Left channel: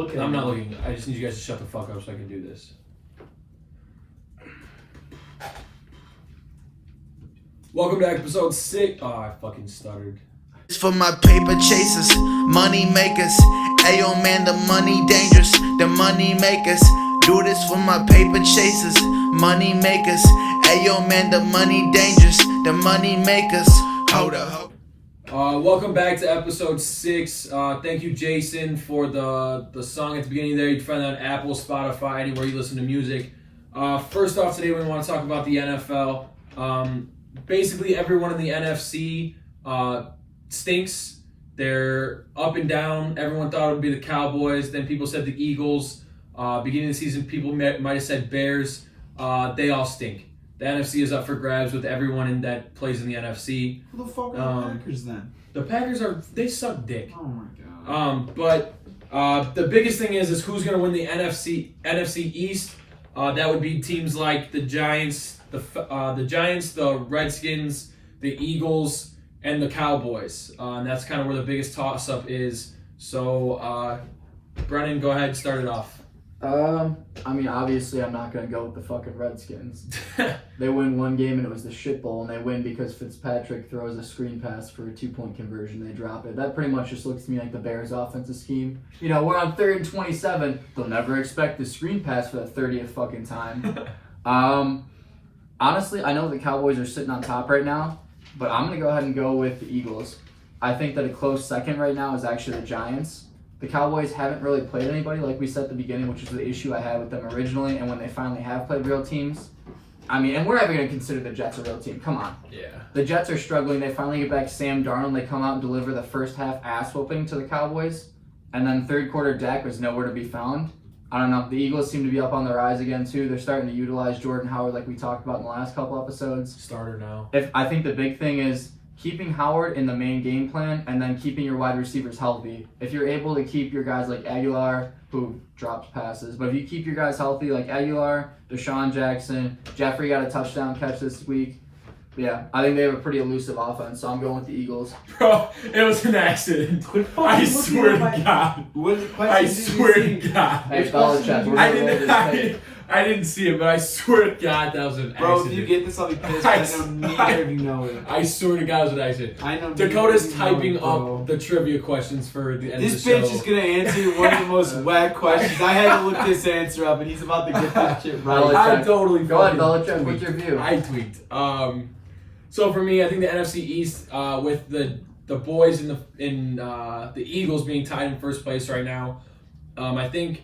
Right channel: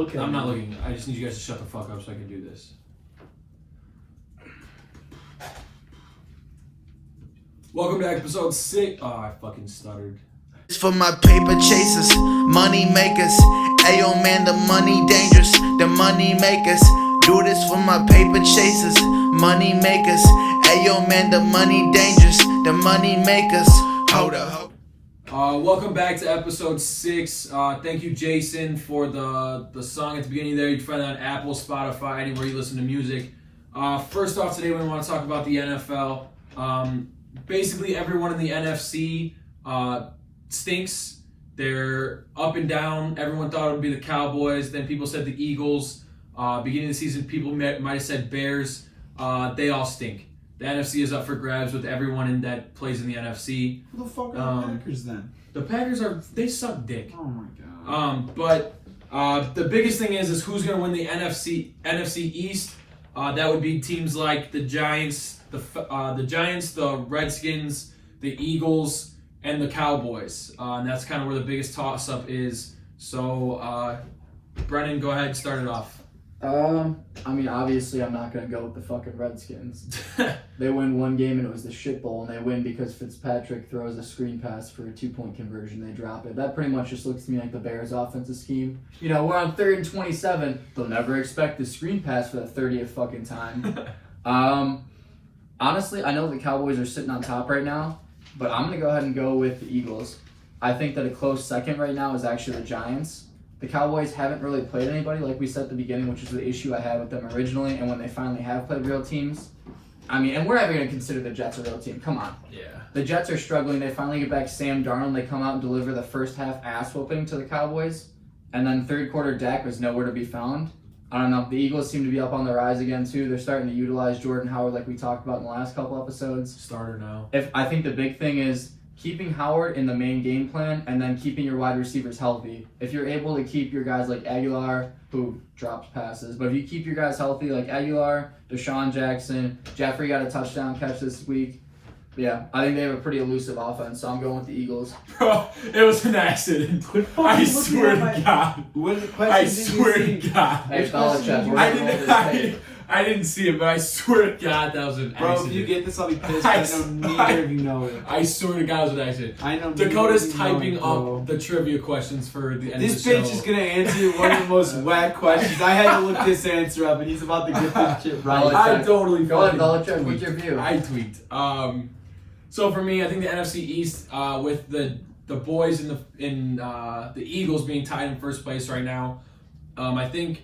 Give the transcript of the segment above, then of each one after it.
looking. I'm not looking. I just need you guys to shut the fuck up so I can do this. Welcome to episode 6. Oh, I fucking stuttered. It's for my paper chasers, money makers. Ayo man, the money dangerous, the money makers. Do this for my paper chasers, money makers. Ayo man, the money dangerous, the money makers. Hold up. Welcome back to episode 6. Thank you, Jason, for the song at the beginning there. You can find that on Apple, Spotify, anywhere you listen to music. First off, today we want to talk about the NFL. Basically, everyone in the NFC stinks. They're up and down. Everyone thought it would be the Cowboys. Then people said the Eagles. Beginning of the season, people might have said Bears. They all stink. The NFC is up for grabs with everyone that plays in the NFC. Who the fuck are the Packers then? The Packers they suck dick. Oh my god. But the biggest thing is who's going to win the NFC East. That would be teams like the Giants, the Redskins, the Eagles, and the Cowboys. And that's kind of where the biggest toss-up is. So, Brennan, go ahead, start it off. Obviously I'm not going to go with the fucking Redskins. They win one game and it was the shit bowl, and they win because Fitzpatrick throws a screen pass for a 2-point conversion. They drop it. That pretty much just looks to me like the Bears' offensive scheme. You know, we're on 3rd and 27. They'll never expect the screen pass for the 30th fucking time. Honestly, I know the Cowboys are sitting on top right now, but I'm going to go ahead and go with the Eagles. I think that a close second right now is actually the Giants. The Cowboys haven't really played anybody, like we said at the beginning, which is the issue I had with them originally. And when they finally have played real teams, and we're never going to consider the Jets a real team. Come on. Yeah. The Jets are struggling. They finally get back Sam Darnold. They come out and deliver the first half ass whooping to the Cowboys. And then third quarter Dak was nowhere to be found. I don't know. The Eagles seem to be up on the rise again, too. They're starting to utilize Jordan Howard like we talked about in the last couple episodes. Starter now. I think the big thing is keeping Howard in the main game plan and then keeping your wide receivers healthy. If you're able to keep your guys like Aguilar, who drops passes, but if you keep your guys healthy like Aguilar, Deshaun Jackson, Jeffrey got a touchdown catch this week. Yeah, I think they have a pretty elusive offense, so I'm going with the Eagles. Bro, it was an accident. I swear to God. I swear to God. Hey, I didn't see it, but I swear to God that was an accident. Bro, if you get this, I'll be pissed. I know neither of you know it. I swear to God it was an accident. I know Dakota's typing up the trivia questions for the end of the show. This bitch is going to answer one of the most whack questions. I had to look this answer up, and he's about to get this shit right. I totally Go ahead, Belichick, what's your view? I tweaked. So for me, I think the NFC East, with the boys in the Eagles being tied in first place right now, I think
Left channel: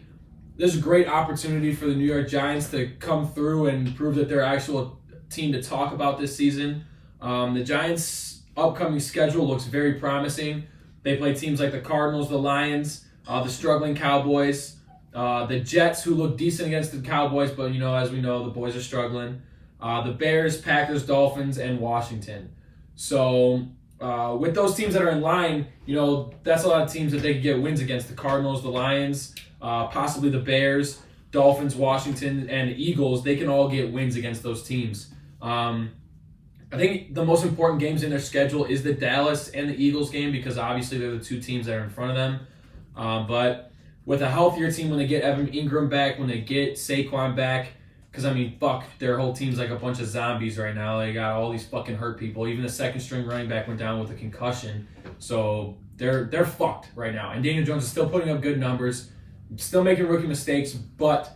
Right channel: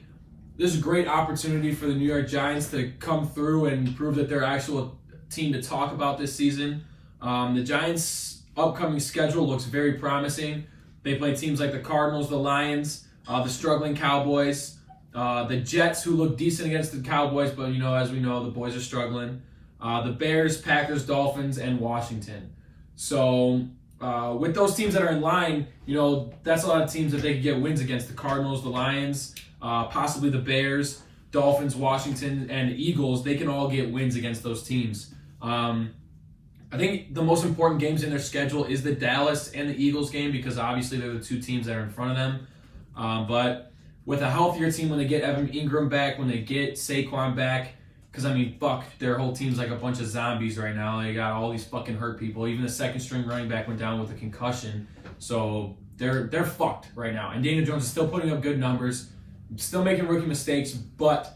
this is a great opportunity for the New York Giants to come through and prove that they're actual team to talk about this season. The Giants' upcoming schedule looks very promising. They play teams like the Cardinals, the Lions, the struggling Cowboys, the Jets, who look decent against the Cowboys, but as we know, the boys are struggling. The Bears, Packers, Dolphins, and Washington. So with those teams that are in line, that's a lot of teams that they can get wins against. The Cardinals, the Lions, possibly the Bears, Dolphins, Washington, and Eagles. They can all get wins against those teams. I think the most important games in their schedule is the Dallas and the Eagles game, because obviously they're the two teams that are in front of them. But with a healthier team, when they get Evan Ingram back, when they get Saquon back, because, their whole team's like a bunch of zombies right now. They got all these fucking hurt people. Even the second-string running back went down with a concussion. So they're fucked right now. And Daniel Jones is still putting up good numbers, still making rookie mistakes, but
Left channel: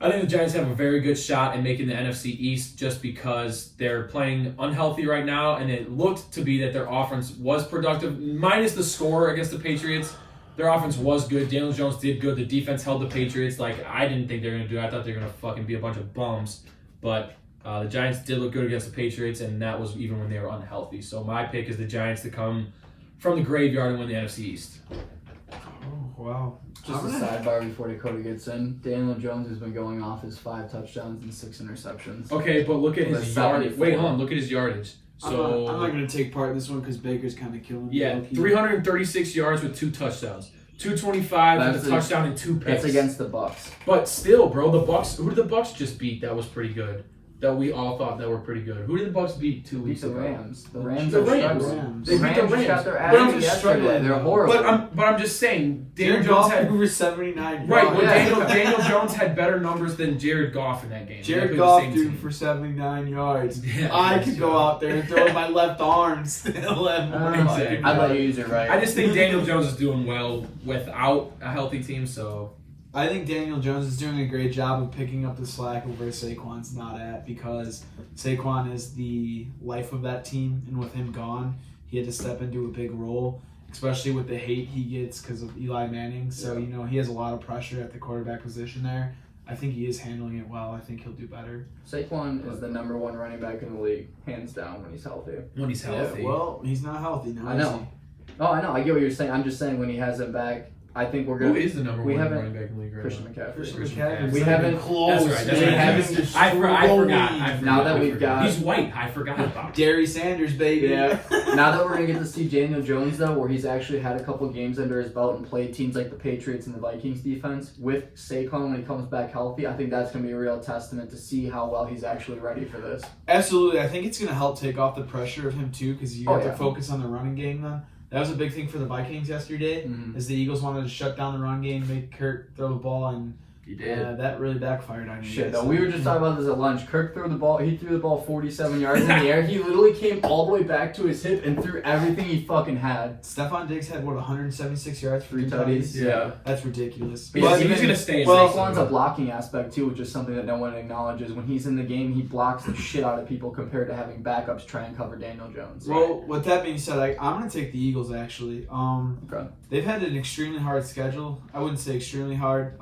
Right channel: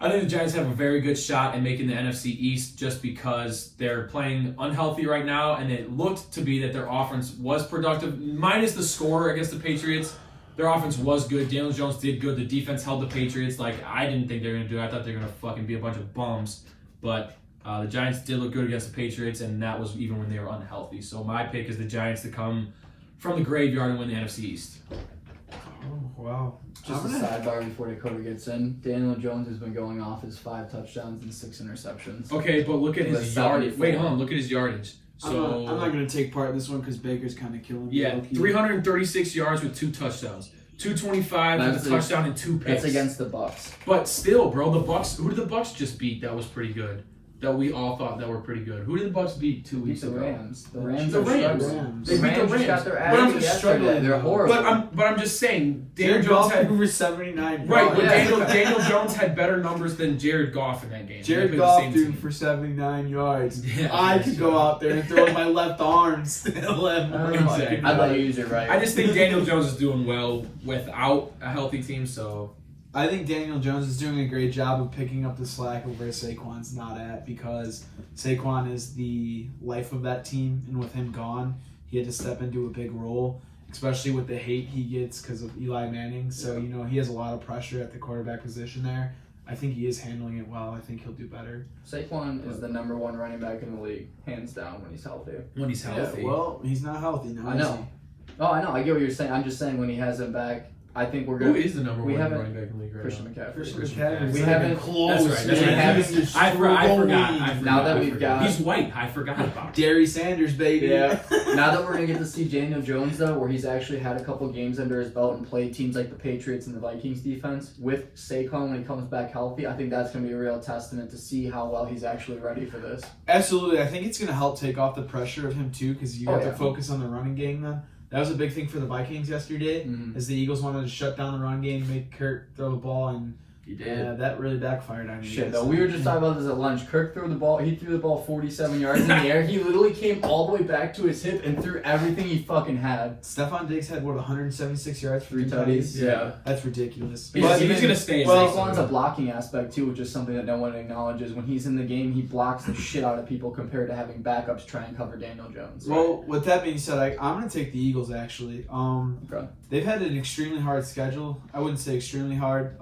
I think the Giants have a very good shot in making the NFC East just because they're playing unhealthy right now, and it looked to be that their offense was productive, minus the score against the Patriots. Their offense was good. Daniel Jones did good. The defense held the Patriots like I didn't think they were going to do. I thought they were going to fucking be a bunch of bums. But the Giants did look good against the Patriots, and that was even when they were unhealthy. So my pick is the Giants to come from the graveyard and win the NFC East. Oh, wow. Just a sidebar before Dakota gets in. Daniel Jones has been going off his 5 touchdowns and 6 interceptions. Okay, but look at his yardage. Wait, hold on. Look at his yardage. So I'm not going to take part in this one because Baker's kind of killing me. Yeah, 336 yards with 2 touchdowns. 225 with a touchdown and 2 picks. That's against the Bucs. But still, bro, the Bucs. Who did the Bucs just beat? That was pretty good. that we all thought that were pretty good. Who did the Bucks beat 2 weeks The ago? Rams. The Rams. The are Rams. struggling. They beat the just Rams. got their ass But I'm beat just yesterday. struggling. They're horrible. But I'm just saying, Daniel Jared Jones Goff had over 79. right, but Yeah. Daniel Jones had better numbers than Jared Goff in that game. They Jared played the Goff same threw team. for 79 yards. Yeah, I could so- go out there and throw with my left arm still have more. Exactly. I'd let you use it right. I just think Daniel Jones is doing well without a healthy team. So I think Daniel Jones is doing a great job of picking up the slack of where Saquon's not at, because Saquon is the life of that team, and with him gone, he had to step into a big role, especially with the hate he gets because of Eli Manning. So, he has a lot of pressure at the quarterback position there. I think he is handling it well. I think he'll do better. Saquon is the number 1 running back in the league, hands down, when he's healthy. when he's healthy, Well, he's not healthy now. I know. Oh, I know. I get what you're saying. I'm just saying when he has him back, I think we're who good. is the number we 1 haven't- running back in the league right Christian now? McCaffrey. Christian McCaffrey. McCaffrey. We haven't- close. That's right, that's man. right. Haven't I forgot. Now that we've got- He's white. I forgot about him. Gary Sanders, baby. Yeah. Now that we're going to get to see Daniel Jones, though, where he's actually had a couple games under his belt and played teams like the Patriots and the Vikings defense with Saquon when he comes back healthy, I think that's going to be a real testament to see how well he's actually ready for this. Absolutely. I think it's going to help take off the pressure of him, too, because you have to focus on the running game then. That was a big thing for the Vikings yesterday, is the Eagles wanted to shut down the run game, make Kirk throw the ball, and He did. that really backfired on you. Shit, though. We were just talking about this at lunch. Kirk threw the ball. He threw the ball 47 yards in the air. He literally came all the way back to his hip and threw everything he fucking had. Stephon Diggs had, 176 yards? 3 tutties. Yeah. That's ridiculous. He's But going even- to stay in well, Saquon's a blocking aspect, too, which is something that no one acknowledges. When he's in the game, he blocks the shit out of people compared to having backups try and cover Daniel Jones. Well, with that being said, I'm going to take the Eagles, actually. Okay. They've had an extremely hard schedule. I wouldn't say extremely hard.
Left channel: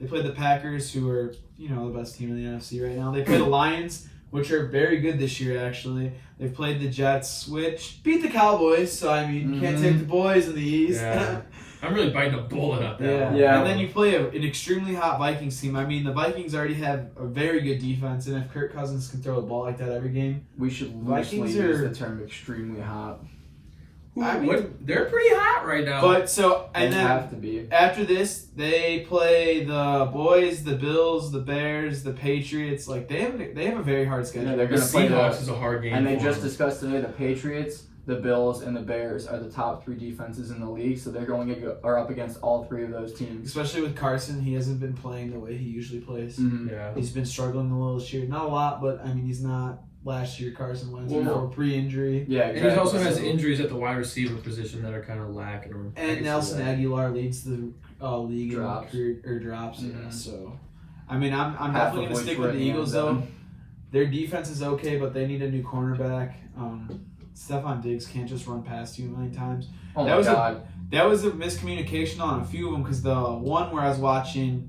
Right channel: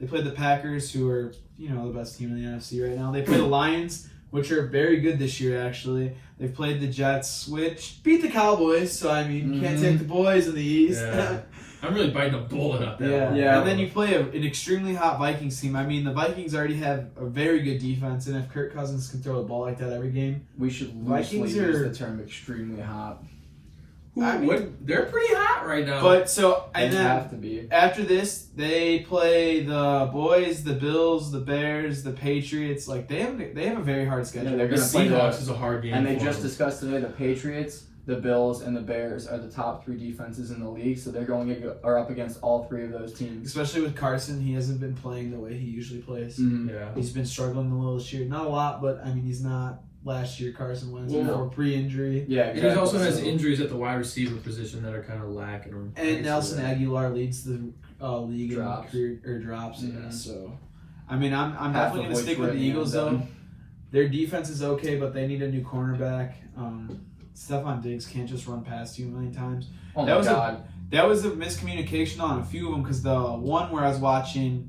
They played the Packers, who are, the best team in the NFC right now. They play the Lions, which are very good this year, actually. They've played the Jets, which beat the Cowboys, so, you can't take the boys in the East. Yeah. I'm really biting a bullet at that one. And then you play an extremely hot Vikings team. The Vikings already have a very good defense, and if Kirk Cousins can throw the ball like that every game, We should loosely Vikings use are- the term extremely hot. They're pretty hot right now. But so, They and then have to be. after this, they play the boys, the Bills, the Bears, the Patriots. Like they have a very hard schedule. Yeah, they're the going to play Seahawks is a hard game. And they for just them. discussed today the Patriots, the Bills, and the Bears are the top 3 defenses in the league, so they're are up against all 3 of those teams. Especially with Carson, he hasn't been playing the way he usually plays. Yeah. He's been struggling a little this year. Not a lot, but he's not last year Carson Wentz Well, pre-injury. Yeah, And exactly. he also has injuries at the wide receiver position that are kind of lacking him. And Nelson Aguilar leads the league Drops. in drops. Yeah, Mhm. so I'm Half definitely of going to which stick were with the in the Eagles end though. zone. Their defense is okay, but they need a new cornerback. Stephon Diggs can't just run past you a million times. Oh That my was a- god. That was a miscommunication on a few of them because the one where I was watching,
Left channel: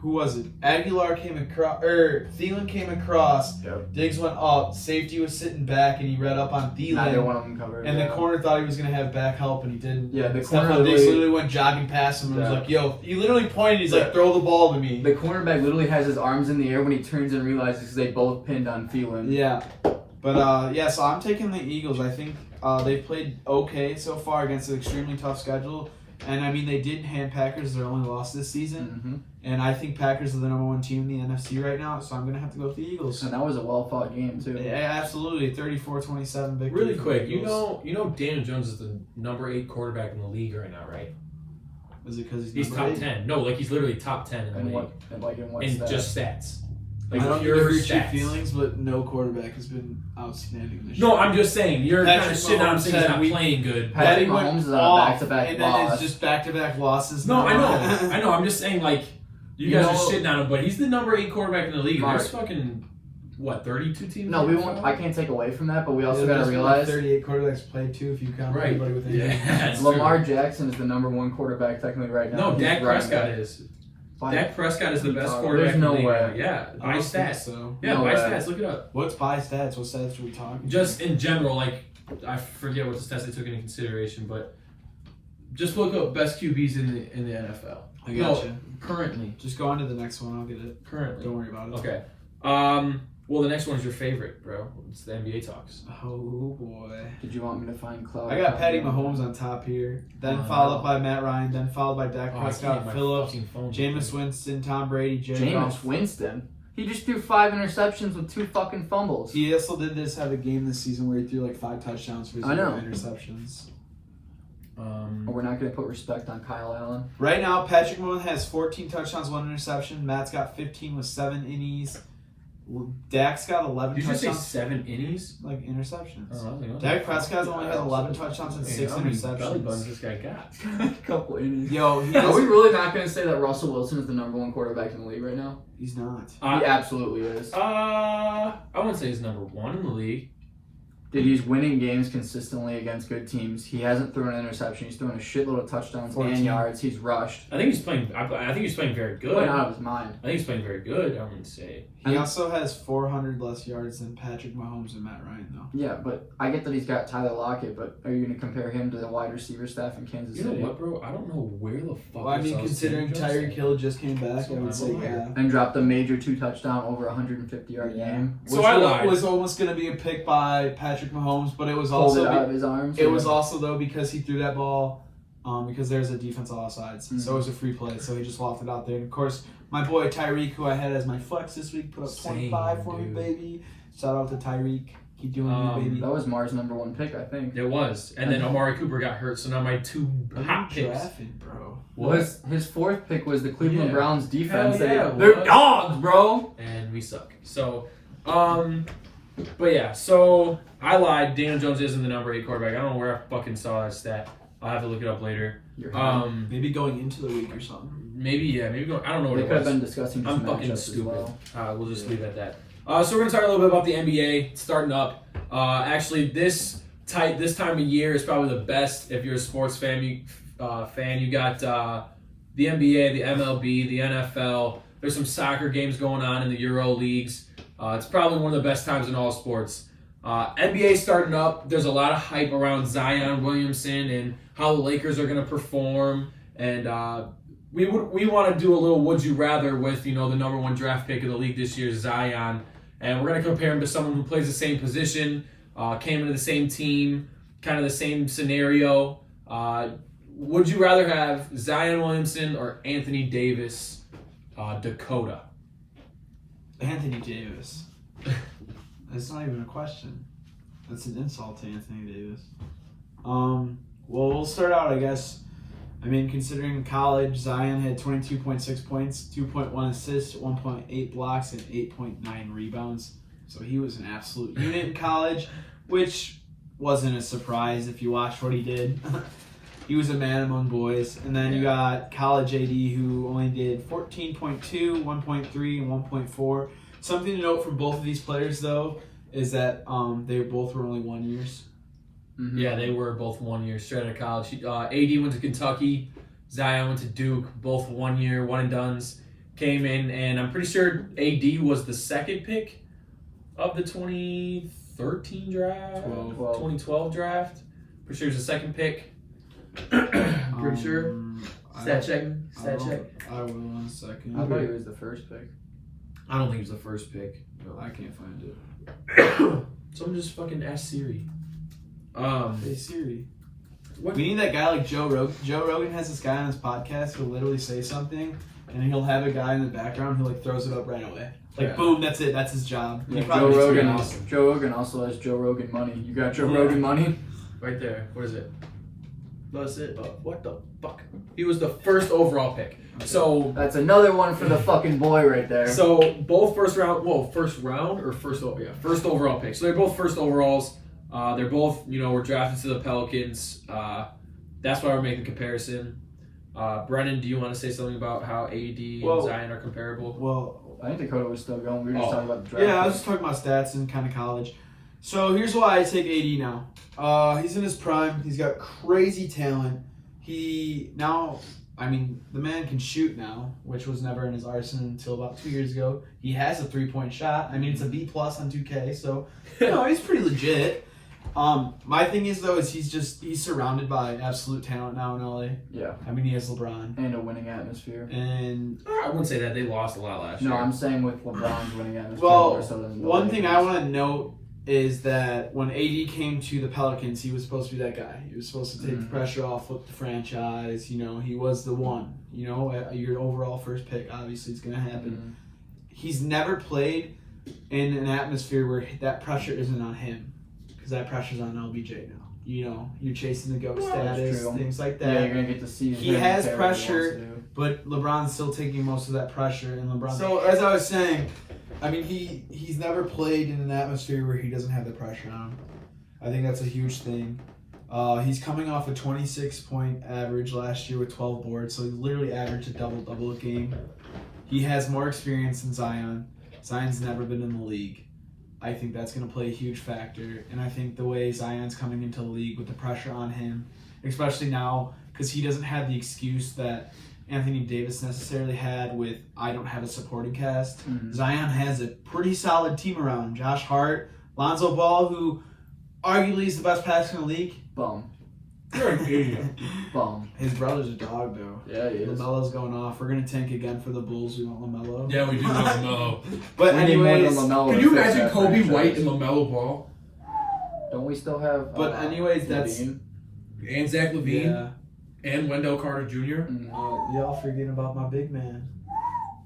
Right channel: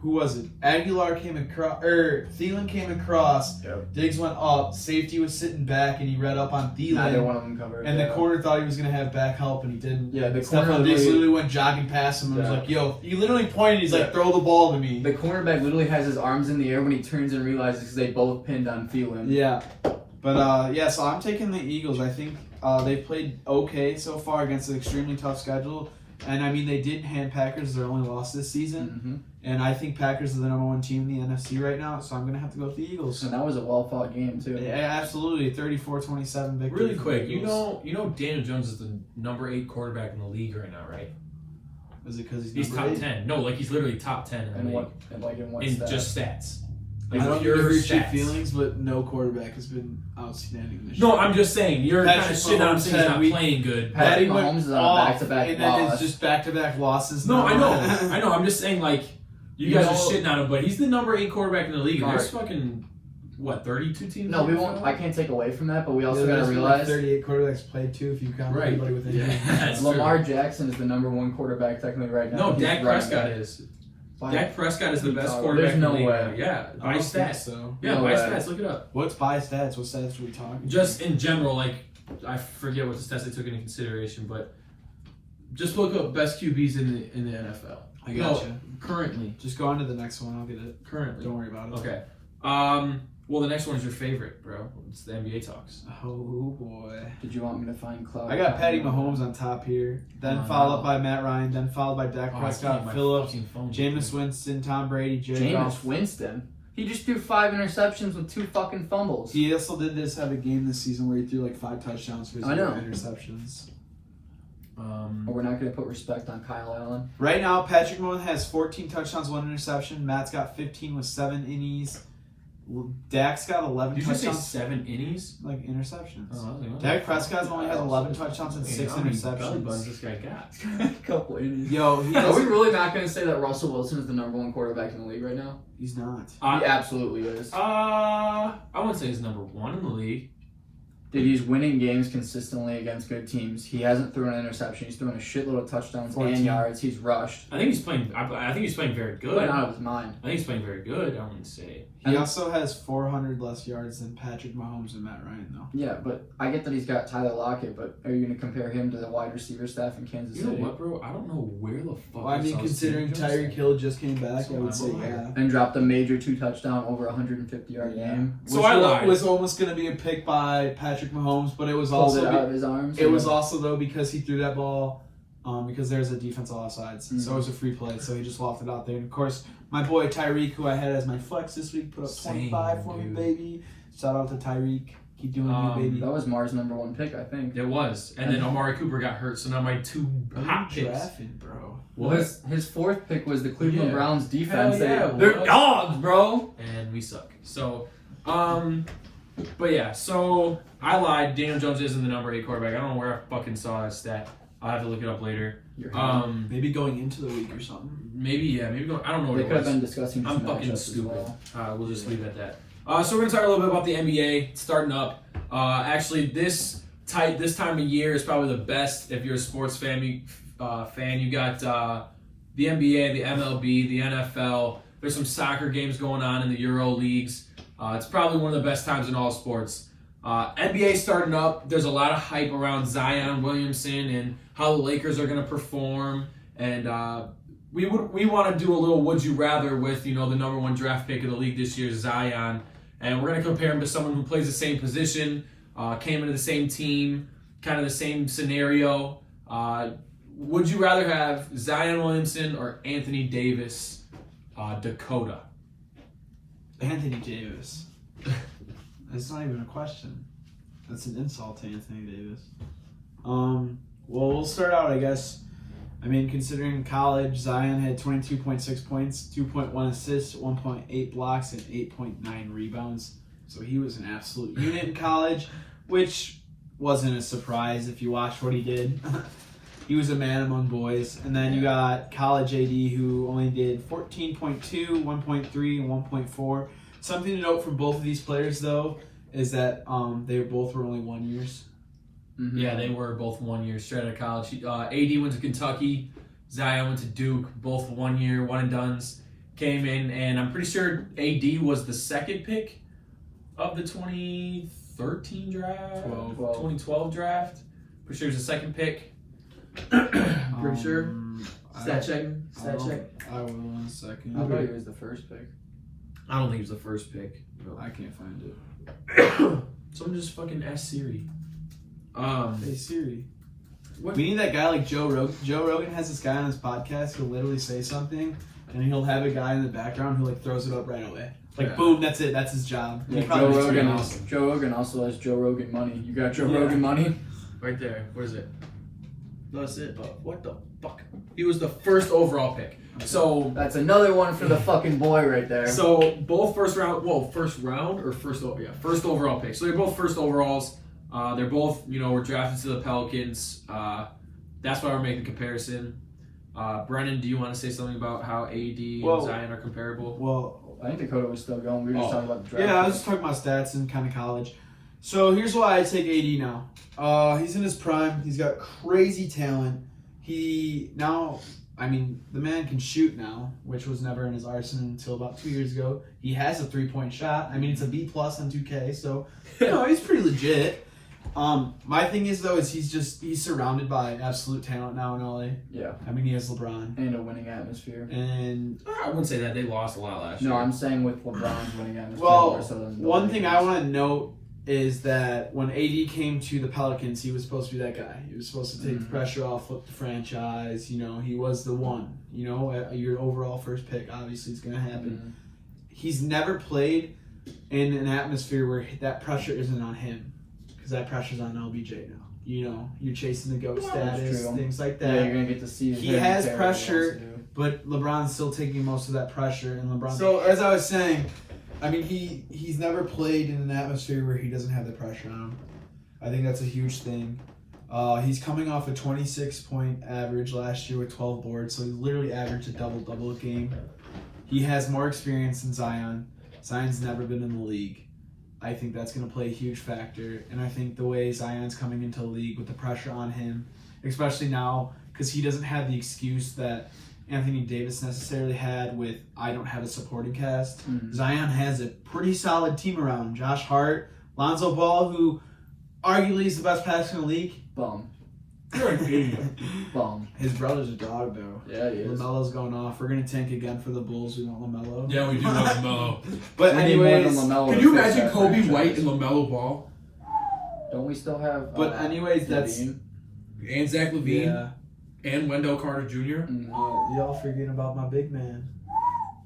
who was it? Aguilar came across, Thielen came across. Yep. Diggs went up. Safety was sitting back, and he read up on Thielen. Neither one of them covered. And the corner thought he was going to have back help, and he didn't. Yeah, the corner Stephon Diggs literally- literally went jogging past him and was Yeah. like, yo, he literally pointed, he's like, throw the ball to me. The cornerback literally has his arms in the air when he turns and realizes because they both pinned on Thielen. Yeah. But, so I'm taking the Eagles. I think they've played okay so far against an extremely tough schedule. And, they did hand Packers their only loss this season. And I think Packers are the number 1 team in the NFC right now, so I'm going to have to go with the Eagles. And that was a well-fought game, too. Yeah, absolutely. 34-27 victory. Really for quick, the you Eagles. know Daniel Jones is the number 8 quarterback in the league right now, right? Is it because He's top 10. No, he's literally top 10 in the And league. in what In stats? just stats. I don't pure give cheap stats. feelings, but no quarterback has been outstanding this No, year. I'm just saying, you're kind of Patrick shitting on him Mahomes saying he's said not we- playing good. Patrick went Mahomes is on a off, back-to-back and loss. then it's just back-to-back losses. No, I know. now. I know. I'm just saying, you You guys know- are shitting on him, but he's the number 8 quarterback in the league. And there's Right. fucking, 32 teams? No, we won't. I can't take away from that, but we also Yeah, got to there's been like realize 38 quarterbacks played too if you count Right. everybody with Yeah, that's Lamar Jackson is the number 1 quarterback technically right now. No, He's Dak right Prescott there. is. By- Dak Prescott is the best There's quarterback in no the league. way. Yeah, I by don't think stats. So. Yeah, No by way. stats. Look it up. What's by stats? What stats are we talking? Just in general, I forget what the stats they took into consideration, but just look up best QBs in the NFL. I got you. Currently. Just go on to the next one. I'll get it. Currently. Don't worry about it. Okay. Well, the next one is your favorite, bro. It's the NBA talks. Oh boy. Did you want me to find Cloud? I got Patty Mahomes on top here. Then Oh, followed no. up by Matt Ryan. Then followed by Dak Oh, I can't Prescott, get my Phillips, fucking phone. Jameis Winston, Tom Brady, Jared Jameis Goff. Winston. He just threw 5 interceptions with 2 fucking fumbles. He also did have a game this season where he threw like 5 touchdowns for 0 interceptions. We're not going to put respect on Kyle Allen. Right now, Patrick Mahomes has 14 touchdowns, 1 interception. Matt's got 15 with 7 innies. Dak's got 11 Did you touchdowns. just say 7 innings? Like interceptions. Oh, Dak Prescott's only has 11 touchdowns and 6 How many belly interceptions. buttons this guy got? A couple innings. Yo, he Are we has, really not going to say that Russell Wilson is the #1 quarterback in the league right now? he's not. He absolutely is. I wouldn't say he's number 1 in the league. Dude, he's winning games consistently against good teams. He hasn't thrown an interception. He's thrown a shitload of touchdowns 14. and yards. He's rushed. I think he's playing. I think he's playing very good. Playing out of his mind. I think he's playing very good. I wouldn't say. He also has 400 less yards than Patrick Mahomes and Matt Ryan, though. Yeah, but I get that he's got Tyler Lockett, but are you going to compare him to the wide receiver staff in Kansas You know City? what, bro? I don't know where the fuck. Well, I mean, considering Tyreek Hill just came back, I would say yeah. And dropped a major 2-touchdown over 150-yard game. So Which I lied. was almost going to be a pick by Patrick Mahomes, but it was Pulled also it out of his arms. it was also though because he threw that ball because there's a defense on all sides, so it was a free play, so he just lofted it out there. And of course, my boy Tyreek, who I had as my flex this week, put up 25 for me, baby. Shout out to Tyreek. Keep doing it, baby. That was Mars' #1 pick, I think. It was, and then Amari Cooper got hurt, so now my 2 hot picks. Drafted, bro. Well, his 4th pick was the Cleveland Browns defense. Hell yeah, They're what? dogs, bro. And we suck. So, but yeah, so I lied. Daniel Jones isn't the number 8 quarterback. I don't know where I fucking saw that stat. I'll have to look it up later. Maybe going into the week or something. Maybe go. I don't know what They it could have was. been discussing I'm some fucking matchups as stupid. well. We'll just leave it at that. So we're gonna talk a little bit about the NBA starting up. Actually, this time of year is probably the best if you're a sports fan. You got the NBA, the MLB, the NFL. There's some soccer games going on in the Euro leagues. It's probably one of the best times in all sports. NBA starting up. There's a lot of hype around Zion Williamson and how the Lakers are going to perform. And we want to do a little would you rather with the #1 draft pick of the league this year, Zion. And we're going to compare him to someone who plays the same position, came into the same team, kind of the same scenario. Would you rather have Zion Williamson or Anthony Davis, Dakota? Anthony Davis. It's not even a question. That's an insult to Anthony Davis. Well, we'll start out, I guess. I mean, considering college, Zion had 22.6 points, 2.1 assists, 1.8 blocks, and 8.9 rebounds. So he was an absolute unit in college, which wasn't a surprise if you watched what he did. He was a man among boys. And then you got college AD, who only did 14.2, 1.3, and 1.4. Something to note from both of these players, though, is that they both were only 1 years. Mm-hmm. Yeah, they were both 1 year straight out of college. AD went to Kentucky, Zion went to Duke, both 1 year, one and dones. Came in, and I'm pretty sure AD was the second pick of the 2013 draft, 2012 draft. Pretty sure he was the second pick. Pretty sure. Stat check. I will in a second. I thought he was the first pick. I don't think he was the first pick. I can't find it. Someone just fucking ask Siri. Hey Siri. What? We need that guy like Joe Rogan. Joe Rogan has this guy on his podcast who'll literally say something, and he'll have a guy in the background who like throws it up right away. Like boom, that's it. That's his job. Yeah, He probably Joe is pretty Rogan. awesome. Joe Rogan also has Joe Rogan money. You got Joe Rogan money? Right there. What is it? That's it. What the fuck? He was the first overall pick. So That's another one for the fucking boy right there. So both first round or first overall picks. So they're both first overalls. They're both, were drafted to the Pelicans. That's why we're making a comparison. Brennan, do you want to say something about how AD and Zion are comparable? Well, I think Dakota was still going. We were just talking about the draft. yeah, I was just talking about stats and kind of college. So here's why I take AD now. He's in his prime. He's got crazy talent. The man can shoot now, which was never in his arsenal until about 2 years ago. He has a 3-point shot. It's a B+ on 2K, so he's pretty legit. My thing is though, he's surrounded by absolute talent now in LA. Yeah. He has LeBron. And a winning atmosphere. And I wouldn't say that. They lost a lot last year. No, I'm saying with LeBron's winning atmosphere. well, more so than the one thing I Lakers. want to note is that when AD came to the Pelicans, he was supposed to be that guy. He was supposed to take the pressure off, flip the franchise. He was the one. Your overall first pick, obviously, it's going to happen. he's never played in an atmosphere where that pressure isn't on him, because that pressure's on LBJ now. You know, you're chasing the GOAT status, things like that. Yeah, you're gonna get to see. He has pressure, but LeBron's still taking most of that pressure. And LeBron. So as I was saying, I mean, he's never played in an atmosphere where he doesn't have the pressure on him. I think that's a huge thing. He's coming off a 26-point average last year with 12 boards, so he literally averaged a double-double a game. He has more experience than Zion. Zion's never been in the league. I think that's going to play a huge factor, and I think the way Zion's coming into the league with the pressure on him, especially now, because he doesn't have the excuse that Anthony Davis necessarily had with, I don't have a supporting cast. Mm-hmm. Zion has a pretty solid team around him. Josh Hart, Lonzo Ball, who arguably is the best passer in the league. Bum. You're an idiot. Bum. His brother's a dog, though. Yeah, he is. LaMelo's going off. We're going to tank again for the Bulls. We want LaMelo. Yeah, we do want LaMelo. But anyways, can you imagine Kobe White and LaMelo Ball? Don't we still have... But anyways, that's... And Zach LaVine. Yeah. And Wendell Carter Jr. Y'all forgetting about my big man.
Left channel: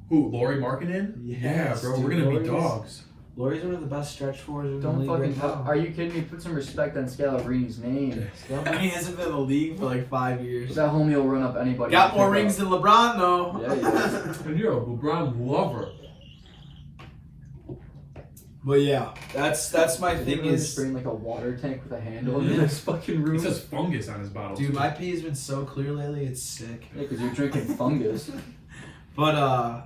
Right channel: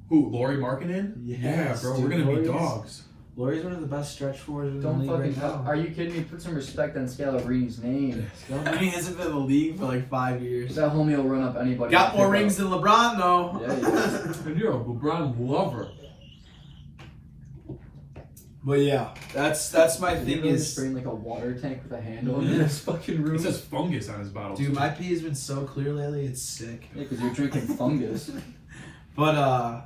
Who, Lauri Markkanen? Yes, yeah, bro, we're going to be dogs. Lauri's one of the best stretch fours in the Don't league fucking right now. Are you kidding me? Put some respect on Scalabrine's name. He hasn't been in the league for like 5 years. That homie will run up anybody. Got more rings than LeBron, though. Yeah, he does. And you're a LeBron lover. But yeah, that's my thing is... bring like a water tank with a handle in this fucking room. It says fungus on his bottle. Dude, my pee has been so clear lately, it's sick. Yeah, because you're drinking fungus. But,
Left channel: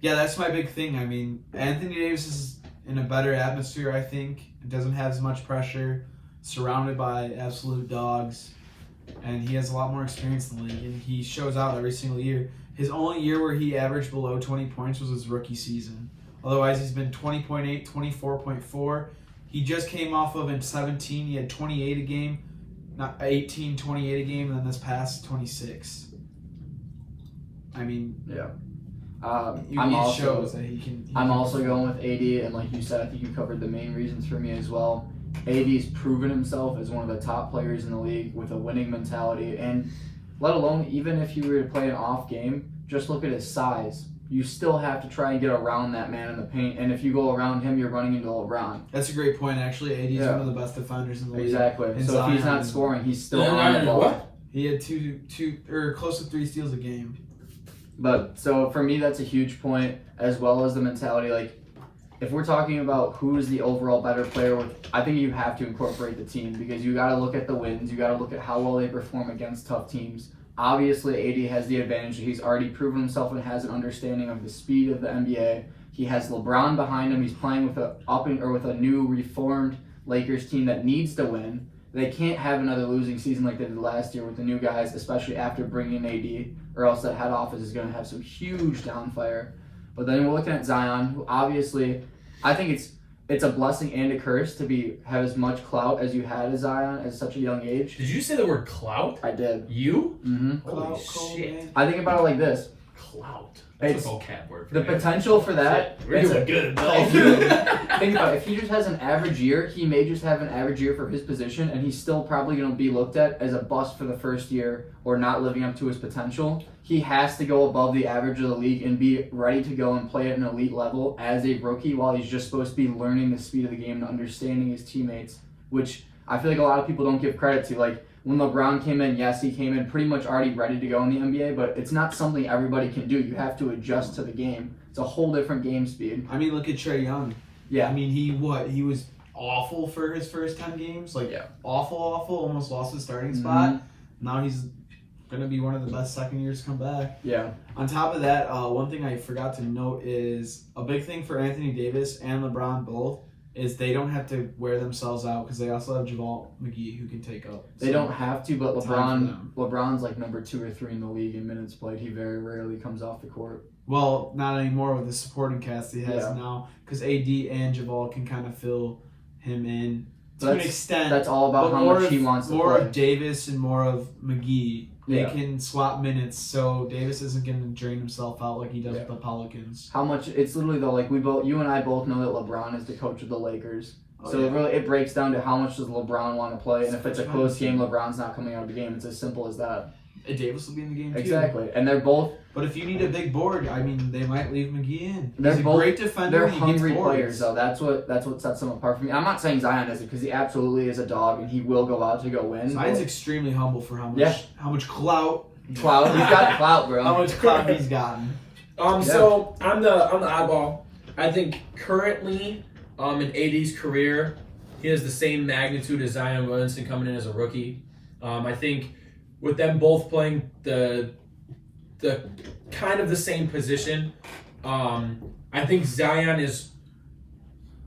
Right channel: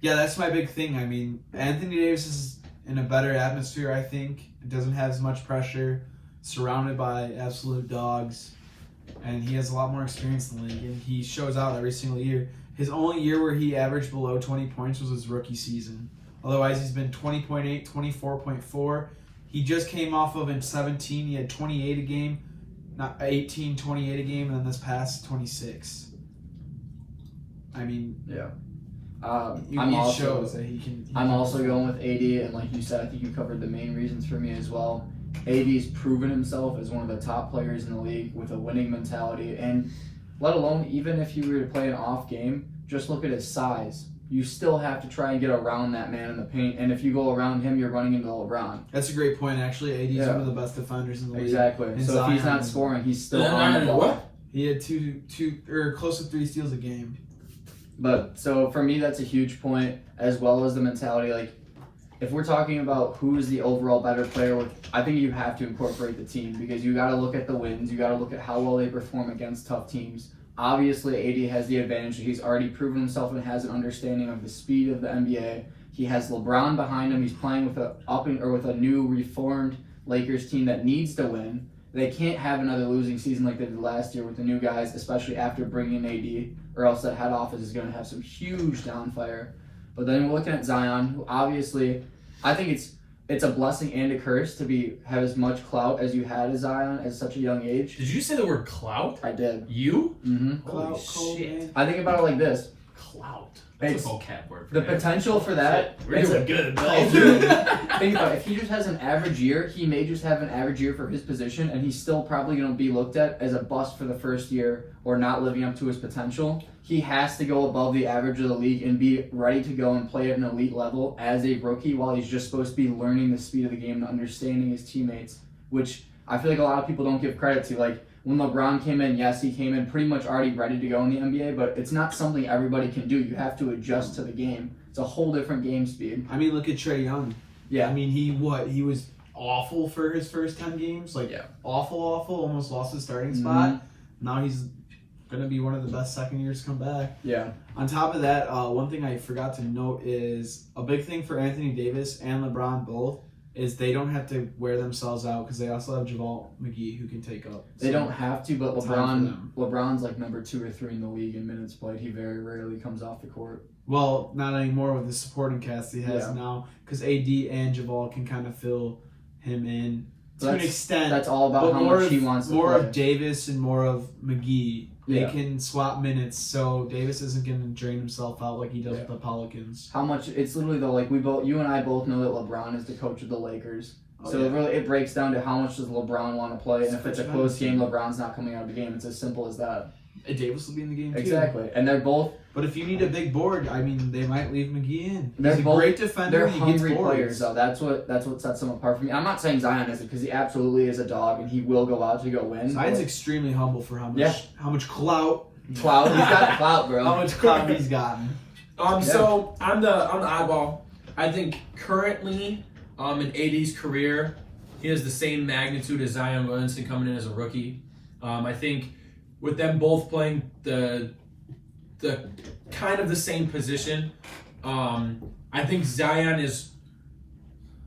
yeah, that's my big thing. I mean, Anthony Davis is in a better atmosphere, I think. It doesn't have as much pressure, surrounded by absolute dogs, and he has a lot more experience in the league, and he shows out every single year. His only year where he averaged below 20 points was his rookie season. Otherwise, he's been 20.8, 24.4. He just came off of in 17. He had 28 a game, not 18, 28 a game, and then this past 26. I mean, yeah. I'm also going with AD, and like you said, I think you covered the main reasons for me as well. AD's proven himself as one of the top players in the league with a winning mentality, and let alone even if you were to play an off game, just look at his size. You still have to try and get around that man in the paint, and if you go around him, you're running into LeBron. That's a great point, actually. AD's one of the best defenders in the league. Exactly. And so Zion, if he's not scoring, he's still on the ball. What? He had two or close to 3 steals a game. But so for me, that's a huge point, as well as the mentality. Like, if we're talking about who's the overall better player, I think you have to incorporate the team, because you got to look at the wins. You got to look at how well they perform against tough teams. Obviously, AD has the advantage. He's already proven himself and has an understanding of the speed of the NBA. He has LeBron behind him. He's playing with a new reformed Lakers team that needs to win. They can't have another losing season like they did last year with the new guys, especially after bringing AD, or else that head office is going to have some huge downfire. But then we're looking at Zion, who obviously, I think it's a blessing and a curse to have as much clout as you had as Zion at such a young age. Did you say the word clout? I did. You? Mm-hmm. Holy shit. I think about it like this. Clout. That's a vocab word. The potential for that. We're doing good. Think about it. If he just has an average year, he may just have an average year for his position, and he's still probably going to be looked at as a bust for the first year or not living up to his potential. He has to go above the average of the league and be ready to go and play at an elite level as a rookie, while he's just supposed to be learning the speed of the game and understanding his teammates, which I feel like a lot of people don't give credit to. Like, when LeBron came in, yes, he came in pretty much already ready to go in the NBA, but it's not something everybody can do. You have to adjust to the game. It's a whole different game speed. I mean, look at Trae Young. Yeah. I mean, he was awful for his first 10 games. Like, awful, almost lost his starting spot. Now he's going to be one of the best second years to come back. Yeah. On top of that, one thing I forgot to note is a big thing for Anthony Davis and LeBron both is they don't have to wear themselves out, because they also have JaVale McGee who can take up. They don't have to, but LeBron's like number 2 or 3 in the league in minutes played. He very rarely comes off the court. Well, not anymore with the supporting cast he has now, because AD and JaVale can kind of fill him in to an extent. That's all about how much he wants to play. More of Davis and more of McGee. They can swap minutes, so Davis isn't going to drain himself out like he does with the Pelicans. How much? It's literally though, like you and I both know that LeBron is the coach of the Lakers. It breaks down to how much does LeBron want to play, and if it's a close game, LeBron's not coming out of the game. It's as simple as that. Davis will be in the game too. Exactly, and they're both. But if you need a big board, I mean, they might leave McGee in. They're He's a both great defender. They're and he gets hungry boards. players, though. That's what sets them apart from me. I'm not saying Zion isn't, because he absolutely is a dog, and he will go out to go win. Zion's but- extremely humble for how much Yeah. how much clout Clout, he's got clout, bro. how much clout he's gotten. So I'm the oddball. I think currently, in AD's career, he has the same magnitude as Zion Williamson coming in as a rookie. I think with them both playing the kind of the same position, I think Zion is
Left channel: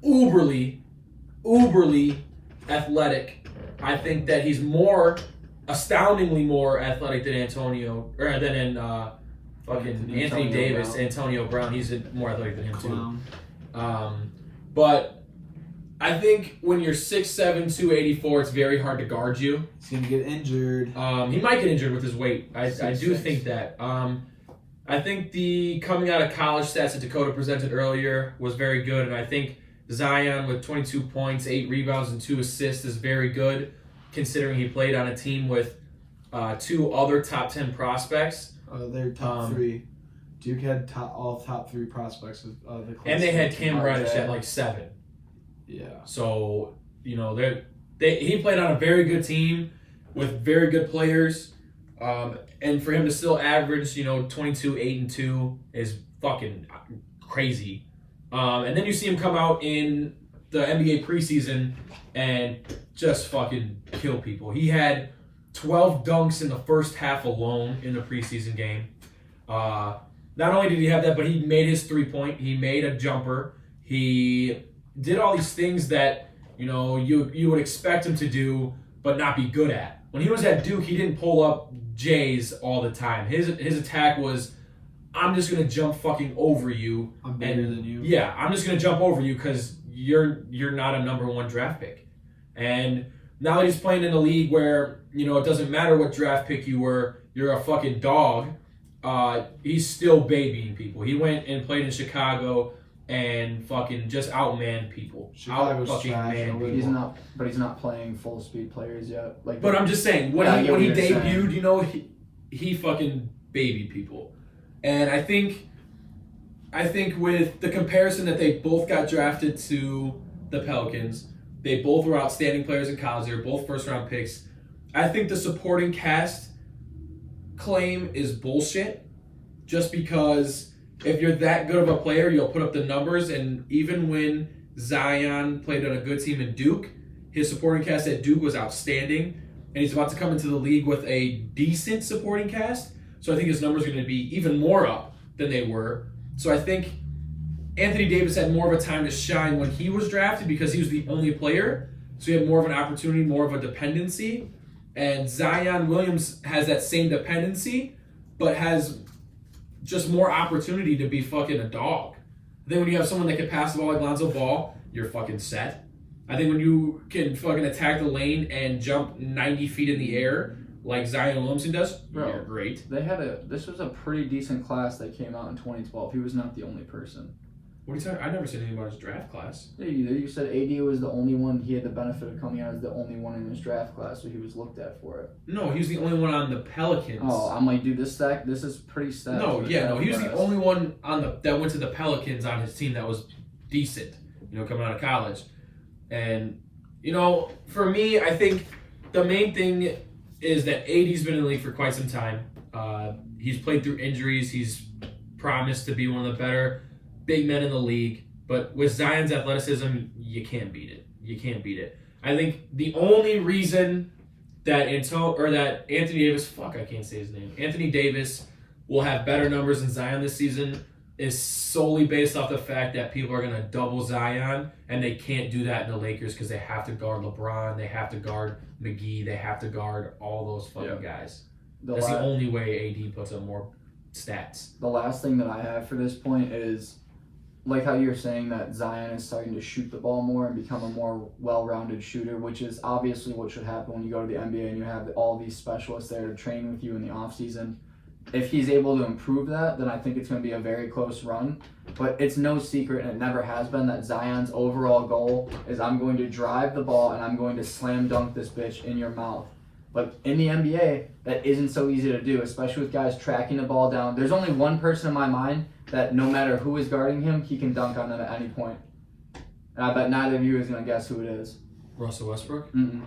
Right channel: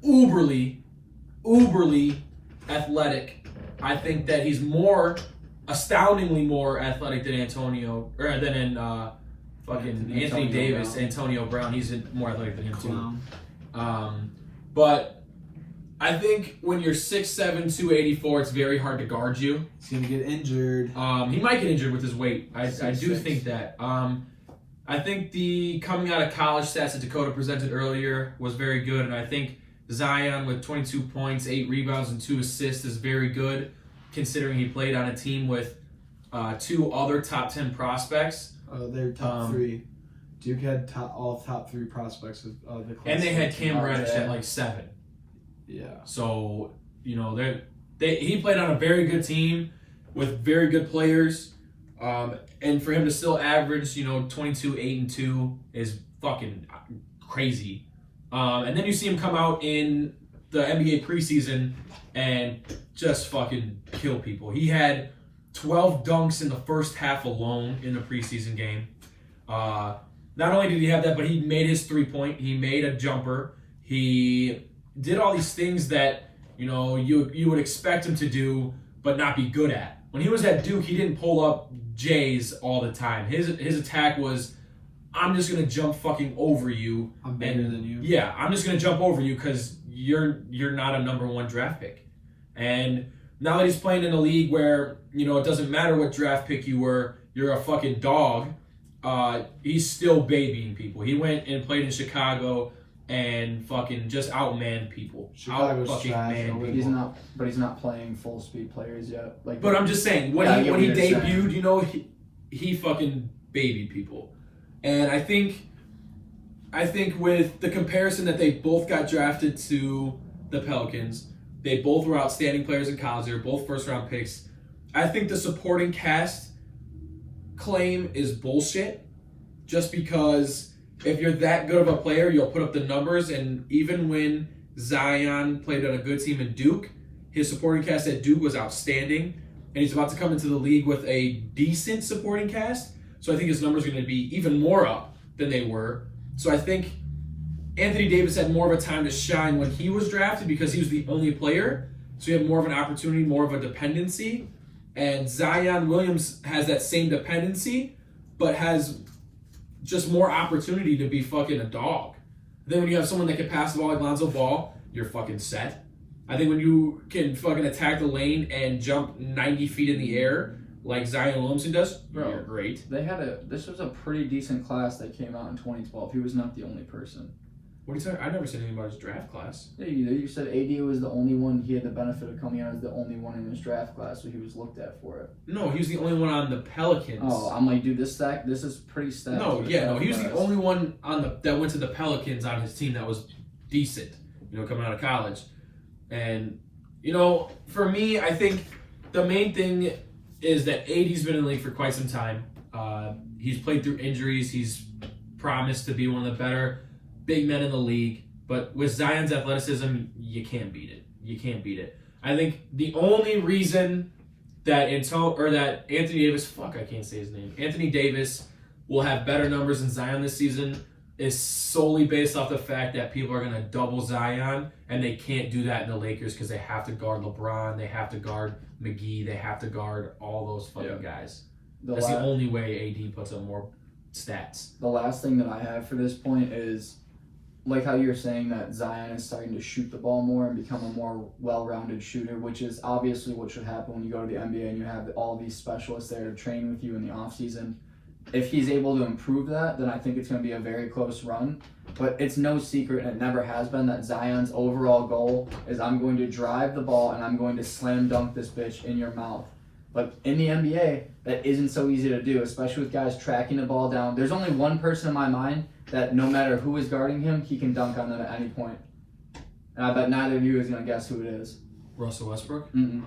uberly athletic. I think that he's astoundingly more athletic than Antonio, or than in fucking Anthony Davis, Brown. Antonio Brown. He's more athletic than him too. Clown. But I think when you're 6'7", 284, it's very hard to guard you. He's gonna get injured. He might get injured with his weight. I do 6'6". think that. I think the coming out of college stats that Dakota presented earlier was very good, and I think Zion with 22 points, 8 rebounds, and 2 assists is very good, considering he played on a team with 2 other top 10 prospects. They're top 3. Duke had all top 3 prospects of the class. And they had Cam Reddish yeah. at like 7. Yeah. So, you know, he played on a very good team with very good players. And for him to still average, 22, 8, and 2 is fucking crazy. And then you see him come out in the NBA preseason and just fucking kill people. He had 12 dunks in the first half alone in the preseason game. Not only did he have that, but he made his 3-point. He made a jumper. He did all these things that, you would expect him to do, but not be good at. When he was at Duke, he didn't pull up J's all the time. His attack was, I'm just gonna jump fucking over you. I'm better than you. Yeah, I'm just gonna jump over you because you're not a number 1 draft pick. And now that he's playing in a league where it doesn't matter what draft pick you were, you're a fucking dog. He's still babying people. He went and played in Chicago and fucking just outmanned people. Chicago's Out fucking trash, man nobody people. He's not playing full speed players yet. Like, But I'm just saying, when Yeah, I he get when he what you're debuted, he fucking babied people. And I think with the comparison that they both got drafted to the Pelicans, they both were outstanding players in college. They were both first-round picks. I think the supporting cast claim is bullshit, just because if you're that good of a player, you'll put up the numbers. And even when Zion played on a good team in Duke, his supporting cast at Duke was outstanding, and he's about to come into the league with a decent supporting cast. So I think his numbers are going to be even more up than they were. So I think Anthony Davis had more of a time to shine when he was drafted because he was the only player. So he had more of an opportunity, more of a dependency. And Zion Williams has that same dependency, but has just more opportunity to be fucking a dog. Then when you have someone that can pass the ball like Lonzo Ball, you're fucking set. I think when you can fucking attack the lane and jump 90 feet in the air like Zion Williamson does, you're great. this was a pretty decent class that came out in 2012. He was not the only person. What are you talking? I never said anything about his draft class. Yeah, you said AD was the only one. He had the benefit of coming out as the only one in his draft class, so he was looked at for it. No, he was the only one on the Pelicans. Oh, I'm like, dude, this is pretty stacked. No, for the he draft was the class. only one that went to the Pelicans on his team that was decent, coming out of college. And, for me, I think the main thing is that AD's been in the league for quite some time. He's played through injuries. He's promised to be one of the better big men in the league. But with Zion's athleticism, you can't beat it. You can't beat it. I think the only reason that Anthony Davis, I can't say his name, Anthony Davis will have better numbers than Zion this season is solely based off the fact that people are going to double Zion, and they can't do that in the Lakers because they have to guard LeBron, they have to guard McGee, they have to guard all those fucking guys. That's the only way AD puts up more stats. The last thing that I have for this point is, like how you're saying that Zion is starting to shoot the ball more and become a more well-rounded shooter, which is obviously what should happen when you go to the NBA and you have all these specialists there to train with you in the offseason. If he's able to improve that, then I think it's going to be a very close run. But it's no secret, and it never has been, that Zion's overall goal is I'm going to drive the ball and I'm going to slam dunk this bitch in your mouth. But in the NBA, that isn't so easy to do, especially with guys tracking the ball down. There's only one person in my mind that no matter who is guarding him, he can dunk on them at any point. And I bet neither of you is going to guess who it is. Russell Westbrook? Mm-mm.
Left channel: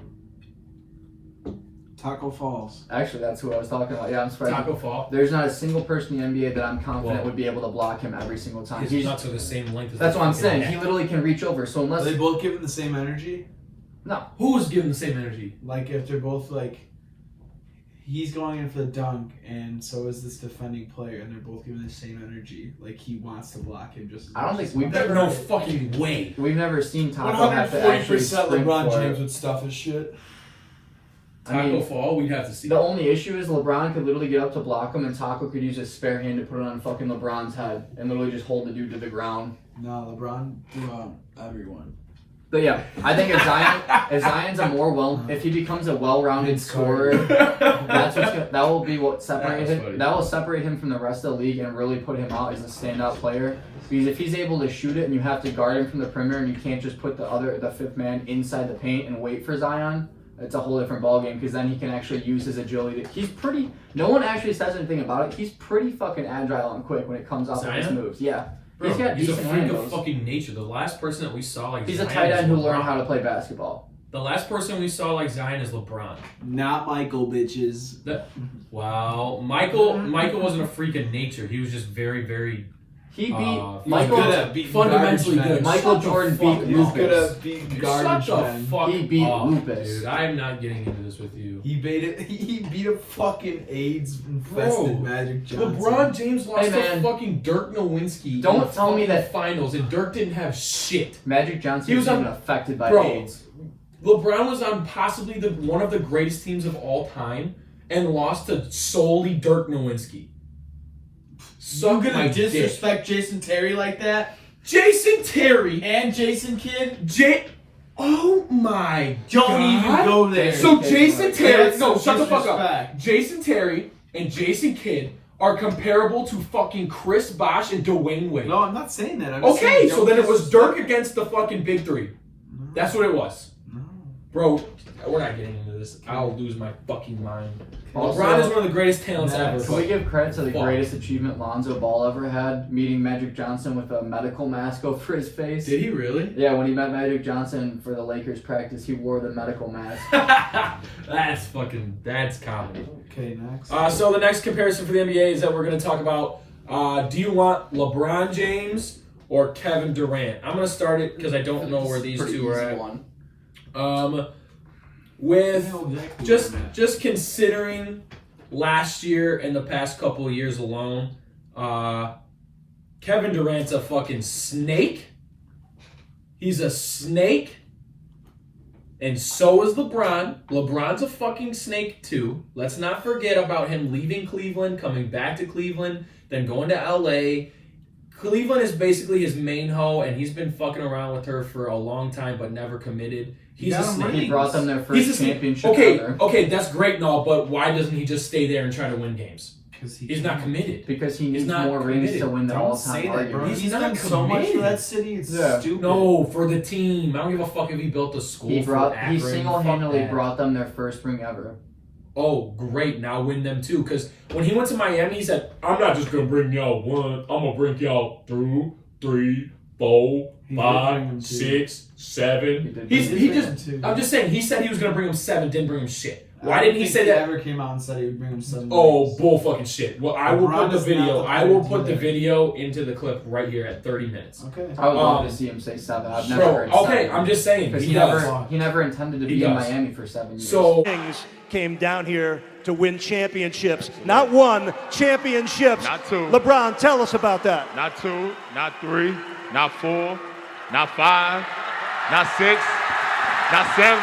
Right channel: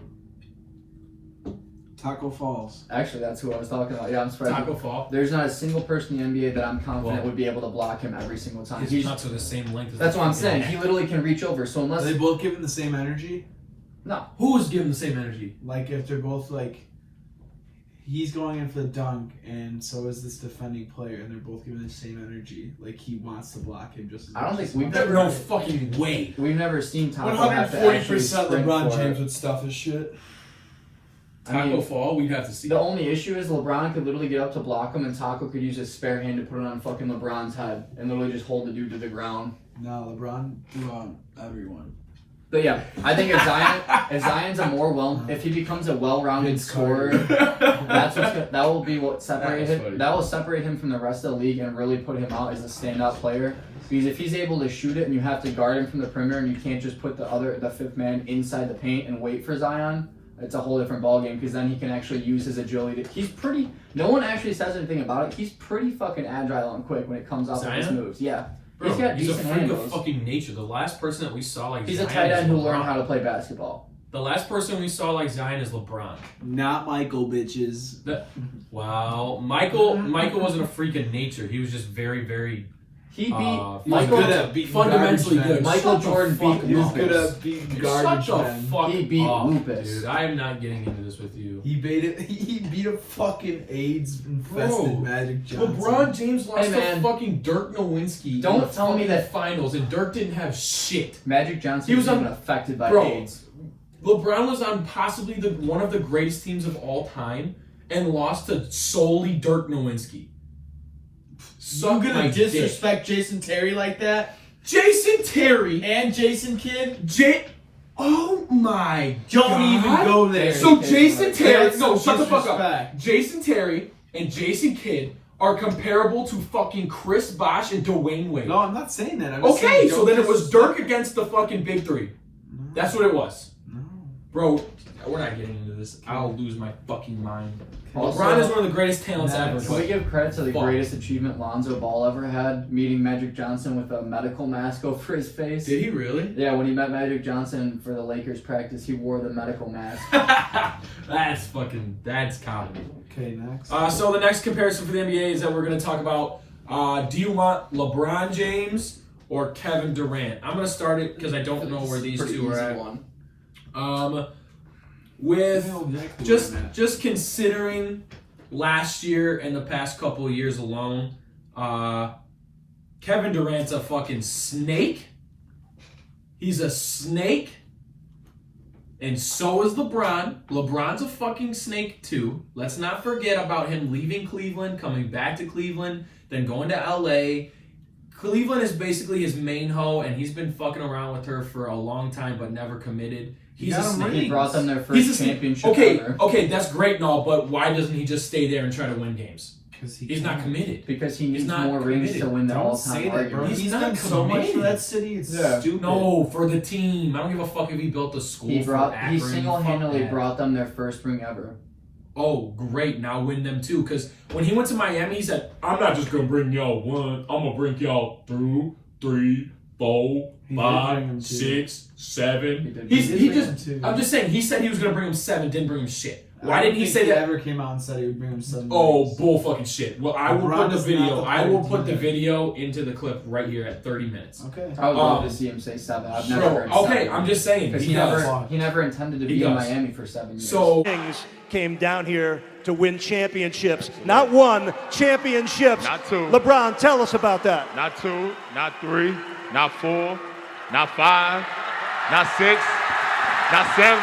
Taco Falls. Actually, that's who I was talking about. Yeah, I'm surprised. Taco Fall? There's not a single person in the NBA that I'm confident would be able to block him every single time. His nuts are the same length as That's the what I'm fucking saying. neck. He literally can reach over. So Are unless they both giving the same energy? no, Who was giving the same energy? Like if they're both like, he's going in for the dunk, and so is this defending player, and they're both giving the same energy. Like he wants to block him just as I don't much think as we've him. never No fucking way. we've never seen Taco have to actually 140% sprint LeBron for James it. would stuff his shit. I Taco mean, Fall, we'd have to see. the only issue is LeBron could literally get up to block him, and Taco could use his spare hand to put it on fucking LeBron's head and literally just hold the dude to the ground. No, LeBron, everyone. But yeah, I think if Zion's a more if he becomes a well-rounded scorer, that will be what separate That's funny. him. That will separate him from the rest of the league and really put him out as a standout player. Because if he's able to shoot it and you have to guard him from the perimeter and you can't just put the fifth man inside the paint and wait for Zion, it's a whole different ballgame. Because then he can actually use his agility. He's pretty. No one actually says anything about it. He's pretty fucking agile and quick when it comes off of his Zion? moves. Yeah. Bro, got he's a decent freak handles. of fucking nature. The last person that we saw like He's a Zion tight is end who LeBron. learned how to play basketball. The last person we saw like Zion is LeBron. Not Michael, bitches. Wow, Michael wasn't a freak of nature. He was just very, very He beat He's Michael. good at beating fundamentally garbage good. men. Michael Shut the Jordan fuck beat up. He's good Lucas. at beating Dude, garbage shut the men. fuck He beat up, Lupus. dude. I am not getting into this with you. He beat a fucking AIDS-infested Bro, Magic Johnson. LeBron James lost Hey, to man. fucking Dirk Nowitzki. Don't in the tell me fucking that- finals, and Dirk didn't have shit. Magic Johnson He was was even on- affected by Bro. AIDS. LeBron was on possibly one of the greatest teams of all time, and lost to solely Dirk Nowitzki. You Suck my gonna dick. disrespect Jason Terry like that? Jason Terry And Jason Kidd? Oh my Don't God. even go there. So Okay, Jason right. Terry, That's no, some shut the fuck up. disrespect. Jason Terry and Jason Kidd are comparable to fucking Chris Bosh and Dwayne Wade. No, I'm not saying that. I'm just Okay, saying so don't then it was disrespect- Dirk against the fucking big three. No, That's what it was. no. Bro, we're not getting into this. I'll lose my fucking mind. Also- LeBron is one of the greatest talents Nice. ever. Can we But give credit to the Fuck. greatest achievement Lonzo Ball ever had, meeting Magic Johnson with a medical mask over his face? did he really? Yeah, when he met Magic Johnson for the Lakers practice, he wore the medical mask. That's comedy. Okay, next. So the next comparison for the NBA is that we're going to talk about, do you want LeBron James or Kevin Durant? I'm going to start it because I don't know where these Pretty two are easy at. one. With just considering last year and the past couple of years alone, Kevin Durant's a fucking snake. He's a snake. And so is LeBron. LeBron's a fucking snake too. Let's not forget about him leaving Cleveland, coming back to Cleveland, then going to LA. Cleveland is basically his main hoe, and he's been fucking around with her for a long time, but never committed. He's a got him snake. He brought them their He's a first snake. championship Okay, ever. okay, that's great and all, but why doesn't he just stay there and try to win games? Because He's not committed. Because he needs not more rings committed. to win the Don't all-time say that, bro. argument. He's He's not done so much for committed. that city. It's Yeah. stupid. No, for the team. I don't give a fuck if he built a school He for Akron. single-handedly Fuck that. brought them their first ring ever. Oh, great. Now win them too. Because when he went to Miami, he said, I'm not just going to bring y'all one. I'm going to bring y'all 2, 3, 4, He did bring them 5, two. 6, 7. did. He's, He he did bring just, them two. I'm just saying, he said he was going to bring him 7, didn't bring him shit. Why didn't he say that? ever came out and said he would bring him 7 Oh, rings? bull fucking shit. Well, I will LeBron put the is video. not the I will player put the to do it. video into the clip right here at 30 minutes. Okay. I would love Um, to see him say 7. I've never Bro, heard okay, 7. I'm just saying. Because He does. he never intended to He be in does. Miami for 7 years. So, Kings came down here to win championships. Not one, championships. Not two. LeBron, tell us about that. Not 2, not 3, not 4, not 5, not 6, not 7.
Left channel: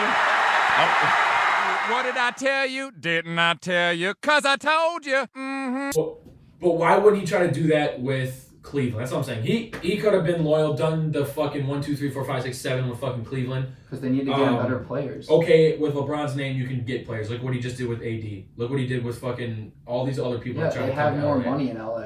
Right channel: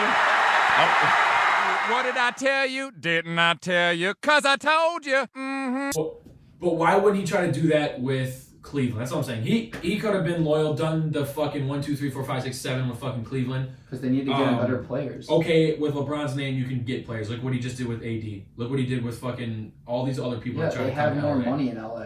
What did I tell you? Didn't I tell you? 'Cause I told you. Mm-hmm. but why would he try to do that with Cleveland? That's what I'm saying. He could have been loyal, done the fucking 1, 2, 3, 4, 5, 6, 7 with fucking Cleveland. Because they need to get him better players. Okay, with LeBron's name, you can get players. Look what he just did with AD. Look what he did with fucking all these other people Yeah, that try they to come have to more LA. money in LA.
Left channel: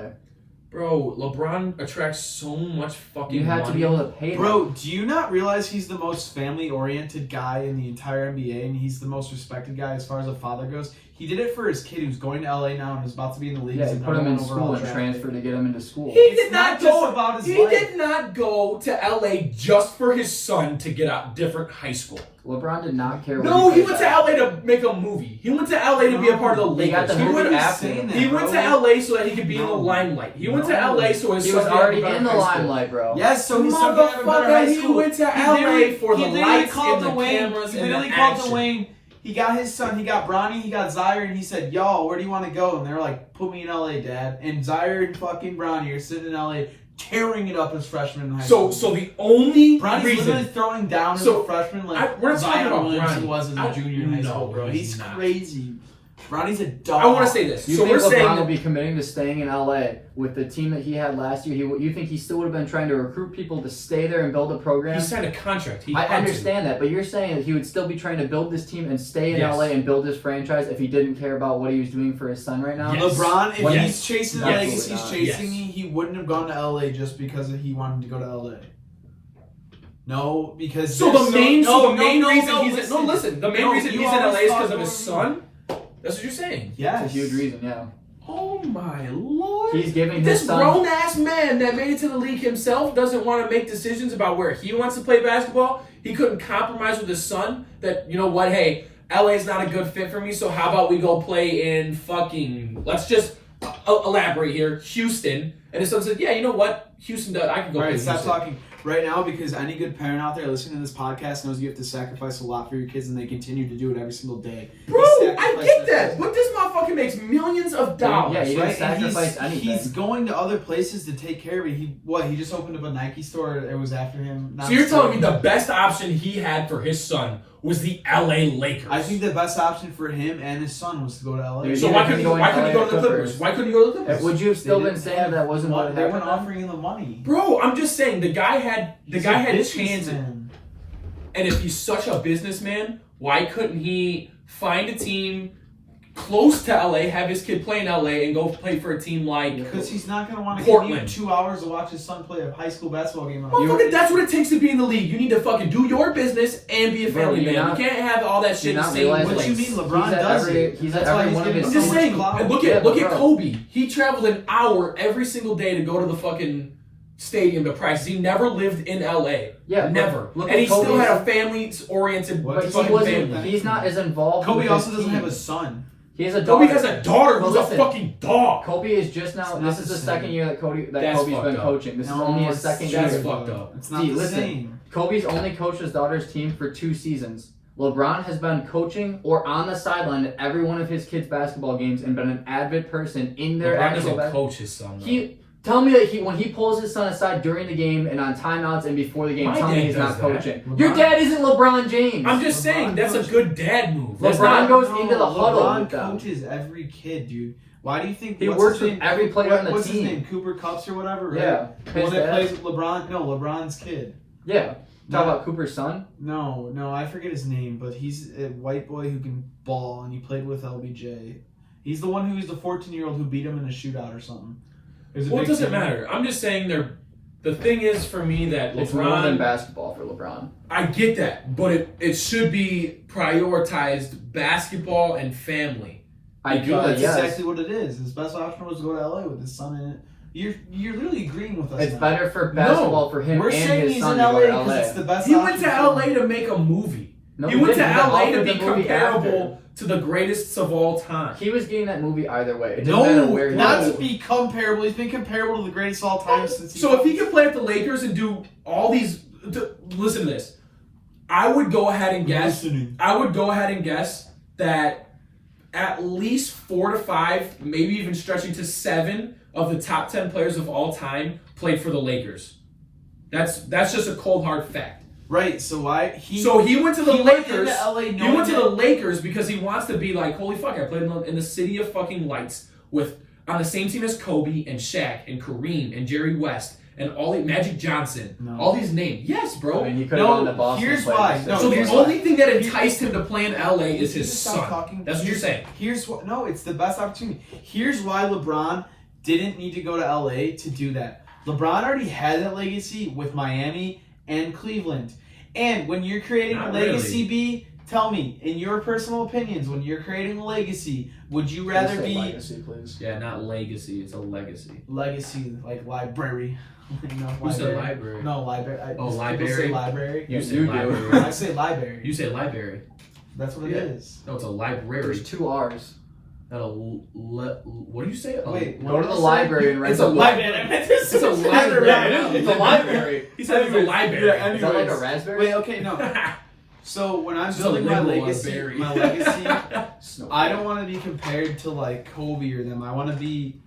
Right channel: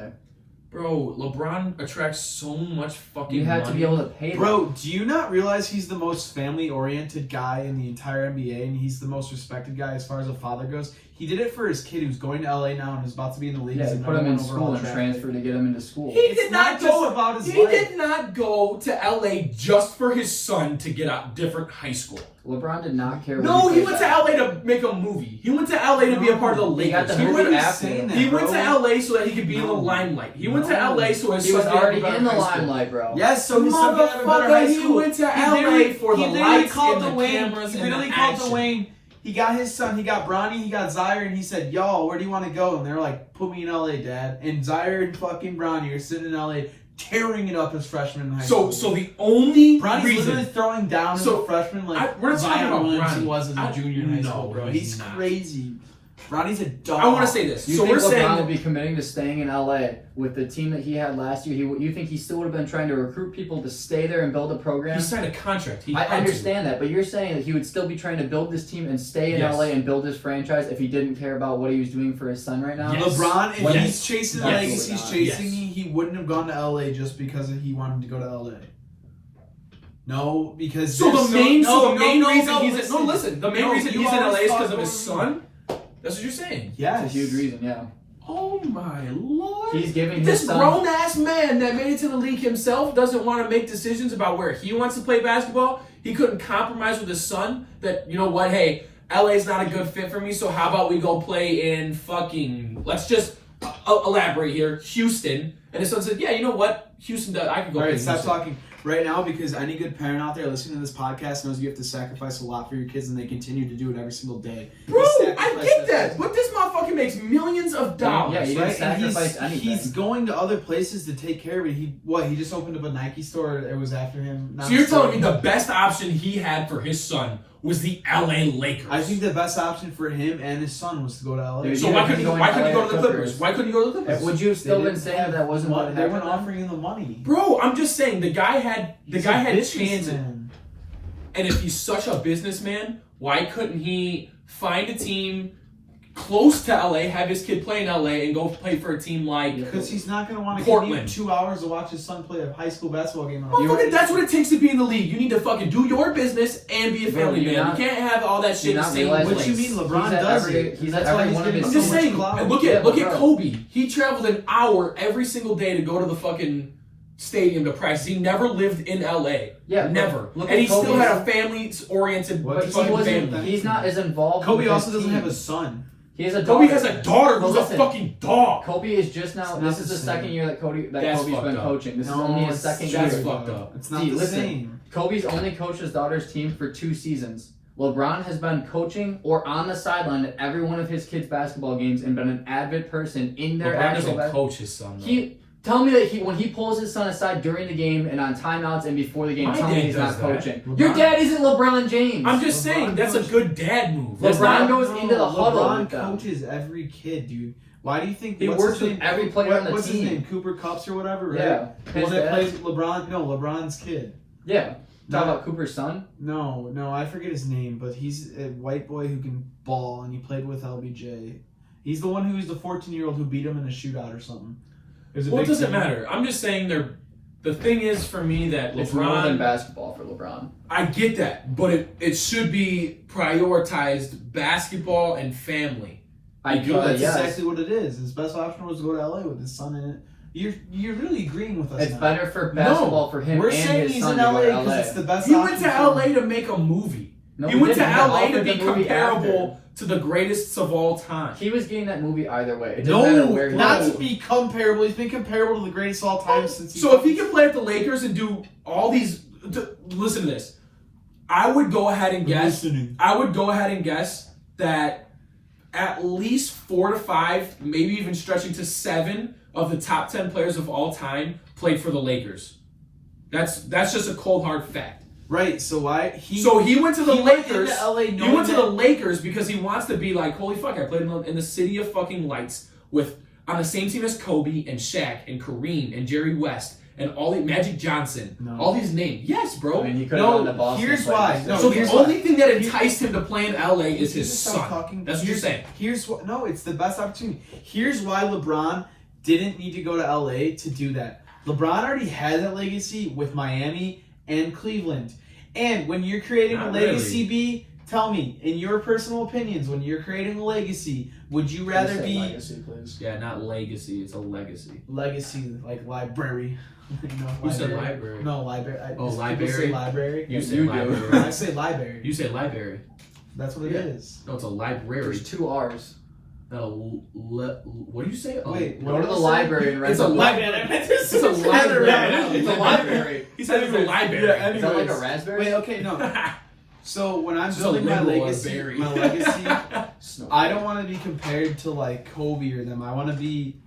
Bro, LeBron attracts so much fucking You had money. to be able to pay them. Bro, do you not realize he's the most family-oriented guy in the entire NBA, and he's the most respected guy as far as a father goes? He did it for his kid who's going to LA now and is about to be in the league. Yeah, as a he put him in number one school overall and draft transfer pick. to get him into school. He It's did not not just go. about his He life. did not go to LA just for his son to get a different high school. LeBron did not care. No, when he played went to back. LA to make a movie. He went to LA to be a part of the He got Lakers. the He movie went, after. he went to LA so that he could be in the limelight. He went to LA so his He son was could have a already better in the high school. limelight, bro. Yes, so his son could have a better high Motherfucker, he school. went to He LA literally- for he the literally lights called and the wing. cameras He and literally the called the action. wing. He got his son, he got Bronny, he got Zaire, and he said, yo, where do you want to go? And they're like, put me in LA, Dad. And Zaire and fucking Bronny are sitting in LA tearing it up as freshmen in high school. So the only Bronny's reason. literally throwing down as So, a freshman like we're not talking Zion about Williamson Bronny. was as a junior in high No, school, bro. he's He's not. crazy. Bronny's a dog. I want to say this. You So think we're LeBron saying would that be committing to staying in LA with the team that he had last year? You think he still would have been trying to recruit people to stay there and build a program? he signed a contract. He I had to. understand that, but you're saying that he would still be trying to build this team and stay in Yes. LA and build his franchise if he didn't care about what he was doing for his son right now? Yes. LeBron, if Yes. he's chasing the Yes. legacy he's Yes. chasing, he wouldn't have gone to LA just because he wanted to go to LA. No, because So the main reason listen. listen. The main No, reason you he's in always LA is because talk of his over me. son. That's what you're saying. Yes. It's a huge reason, yeah. Oh my lord! He's giving This his son. grown ass man that made it to the league himself doesn't want to make decisions about where he wants to play basketball. He couldn't compromise with his son. That, you know what? Hey, LA is not a good fit for me. So how about we go play in fucking? Let's just elaborate here. Houston. And his son said, "Yeah, you know what? Houston. I can go All play right, in stop Houston." talking right now because any good parent out there listening to this podcast knows you have to sacrifice a lot for your kids, and they continue to do it every single day. Bro, They I sacrifice get that, but this motherfucker makes millions of dollars. Yeah, you gotta But sacrifice anything. He's going to other places to take care of it. He just opened up a Nike store. It was after him. So you're telling me the best option he had for his son was the LA Lakers? I think the best option for him and his son was to go to LA. Dude, So Even why if couldn't he's he going to go LA to the Clippers? Why couldn't he go to the Clippers? Would you have still They been didn't saying have that wasn't what They happened? weren't offering him the money. Bro, I'm just saying the guy had He's a chances. businessman. And if he's such a businessman, why couldn't he find a team close to LA, have his kid play in LA, and go play for a team like Because he's not going to want to Portland. commute 2 hours to watch his son play a high school basketball game. Motherfucker, that's what it takes to be in the league. You need to fucking do your business and be a Bro, family you're man. not- You can't have all that shit in the not same realizing- What you place. mean? LeBron He's at does every- it. he's at That's every why he's one of getting his I'm so just much saying, clout. and look Yeah, at but bro. Kobe. He traveled an hour every single day to go to the fucking stadium to practice. He never lived in LA. Yeah, but never. look And at he still Kobe's- had a family-oriented But But he fucking wasn't. family. He's not as involved. Kobe with also his doesn't team. have a son. He has a daughter. Kobe has a daughter who's Well, a listen, fucking dog. Kobe is just now. It's not This is the the same. second year that Kobe's That's been fucked up. coaching. This is No, only his it's second just year. fucked up. It's not See, the listen. same. Kobe's only coached his daughter's team for 2 seasons. LeBron has been coaching or on the sideline at every one of his kids' basketball games and been an avid person in their LeBron actual doesn't coach his son, though. Tell me that when he pulls his son aside during the game and on timeouts and before the game, My tell me dad he's not does that. coaching. LeBron- Your dad isn't LeBron James. I'm just LeBron saying, that's a coaches- good dad move. That's LeBron not- goes into the huddle LeBron with them. coaches every kid, dude. Why do you think He what's works his with name? every player on the What's team. his name? Cooper Kups or whatever, right? Yeah. The one His that dad. plays LeBron. No, LeBron's kid. Yeah. Talk No. about Cooper's son. No, I forget his name, but he's a white boy who can ball, and he played with LBJ. He's the one who's the 14-year-old who beat him in a shootout or something. There's a Well, it big doesn't team. matter. I'm just saying the thing is for me that It's more than LeBron, basketball for LeBron. I get that, but it should be prioritized basketball and family. That's yes. exactly what it is. His best option was to go to LA with his son in it. You're literally agreeing with us. It's now. better for basketball for him We're and saying his he's son in to LA go to because LA. it's the best. He went to option for LA him. to make a movie. No, he went to didn't. He LA offered to the be movie comparable to the greatest of all time. He was getting that movie either way. It doesn't matter where he not was. to be comparable. He's been comparable to the greatest of all time since. So if he can play at the Lakers and do all these, listen to this. I would go ahead and guess. Listening. I would go ahead and guess that at least 4 to 5, maybe even stretching to 7 of the top 10 players of all time played for the Lakers. That's just a cold hard fact. Right, so why So he went to the he went Lakers. into LA He knowing went to the that- Lakers because he wants to be like, holy fuck, I played in the city of fucking lights on the same team as Kobe and Shaq and Kareem and Jerry West and Magic Johnson. No. All these names. Yes, bro. I mean, he could have No, gone to Boston. here's and played why. this No, guy. So the here's only why. thing that enticed him to play in LA is his Just stop son. talking. That's what you're saying. Here's what. No, it's the best opportunity. Here's why LeBron didn't need to go to LA to do that. LeBron already had that legacy with Miami and Cleveland. And when you're creating a legacy, B, tell me, in your personal opinions, when you're creating a legacy, would you rather be legacy, please? Yeah, not legacy. It's a legacy. legacy like library? No, Who said library? No, library. library? People say library. You say do. library. I say library. You say library. That's what it is. No, it's a library. There's 2 R's. What do you say? Wait, Go to the library and rent It's a library. It's a library. It's a library. He said it's a library. Yeah, Is that like a raspberry? Wait, okay, no. So when I'm It's a building my liberal legacy, berry. I don't want to be compared to like Kobe or them. I want to be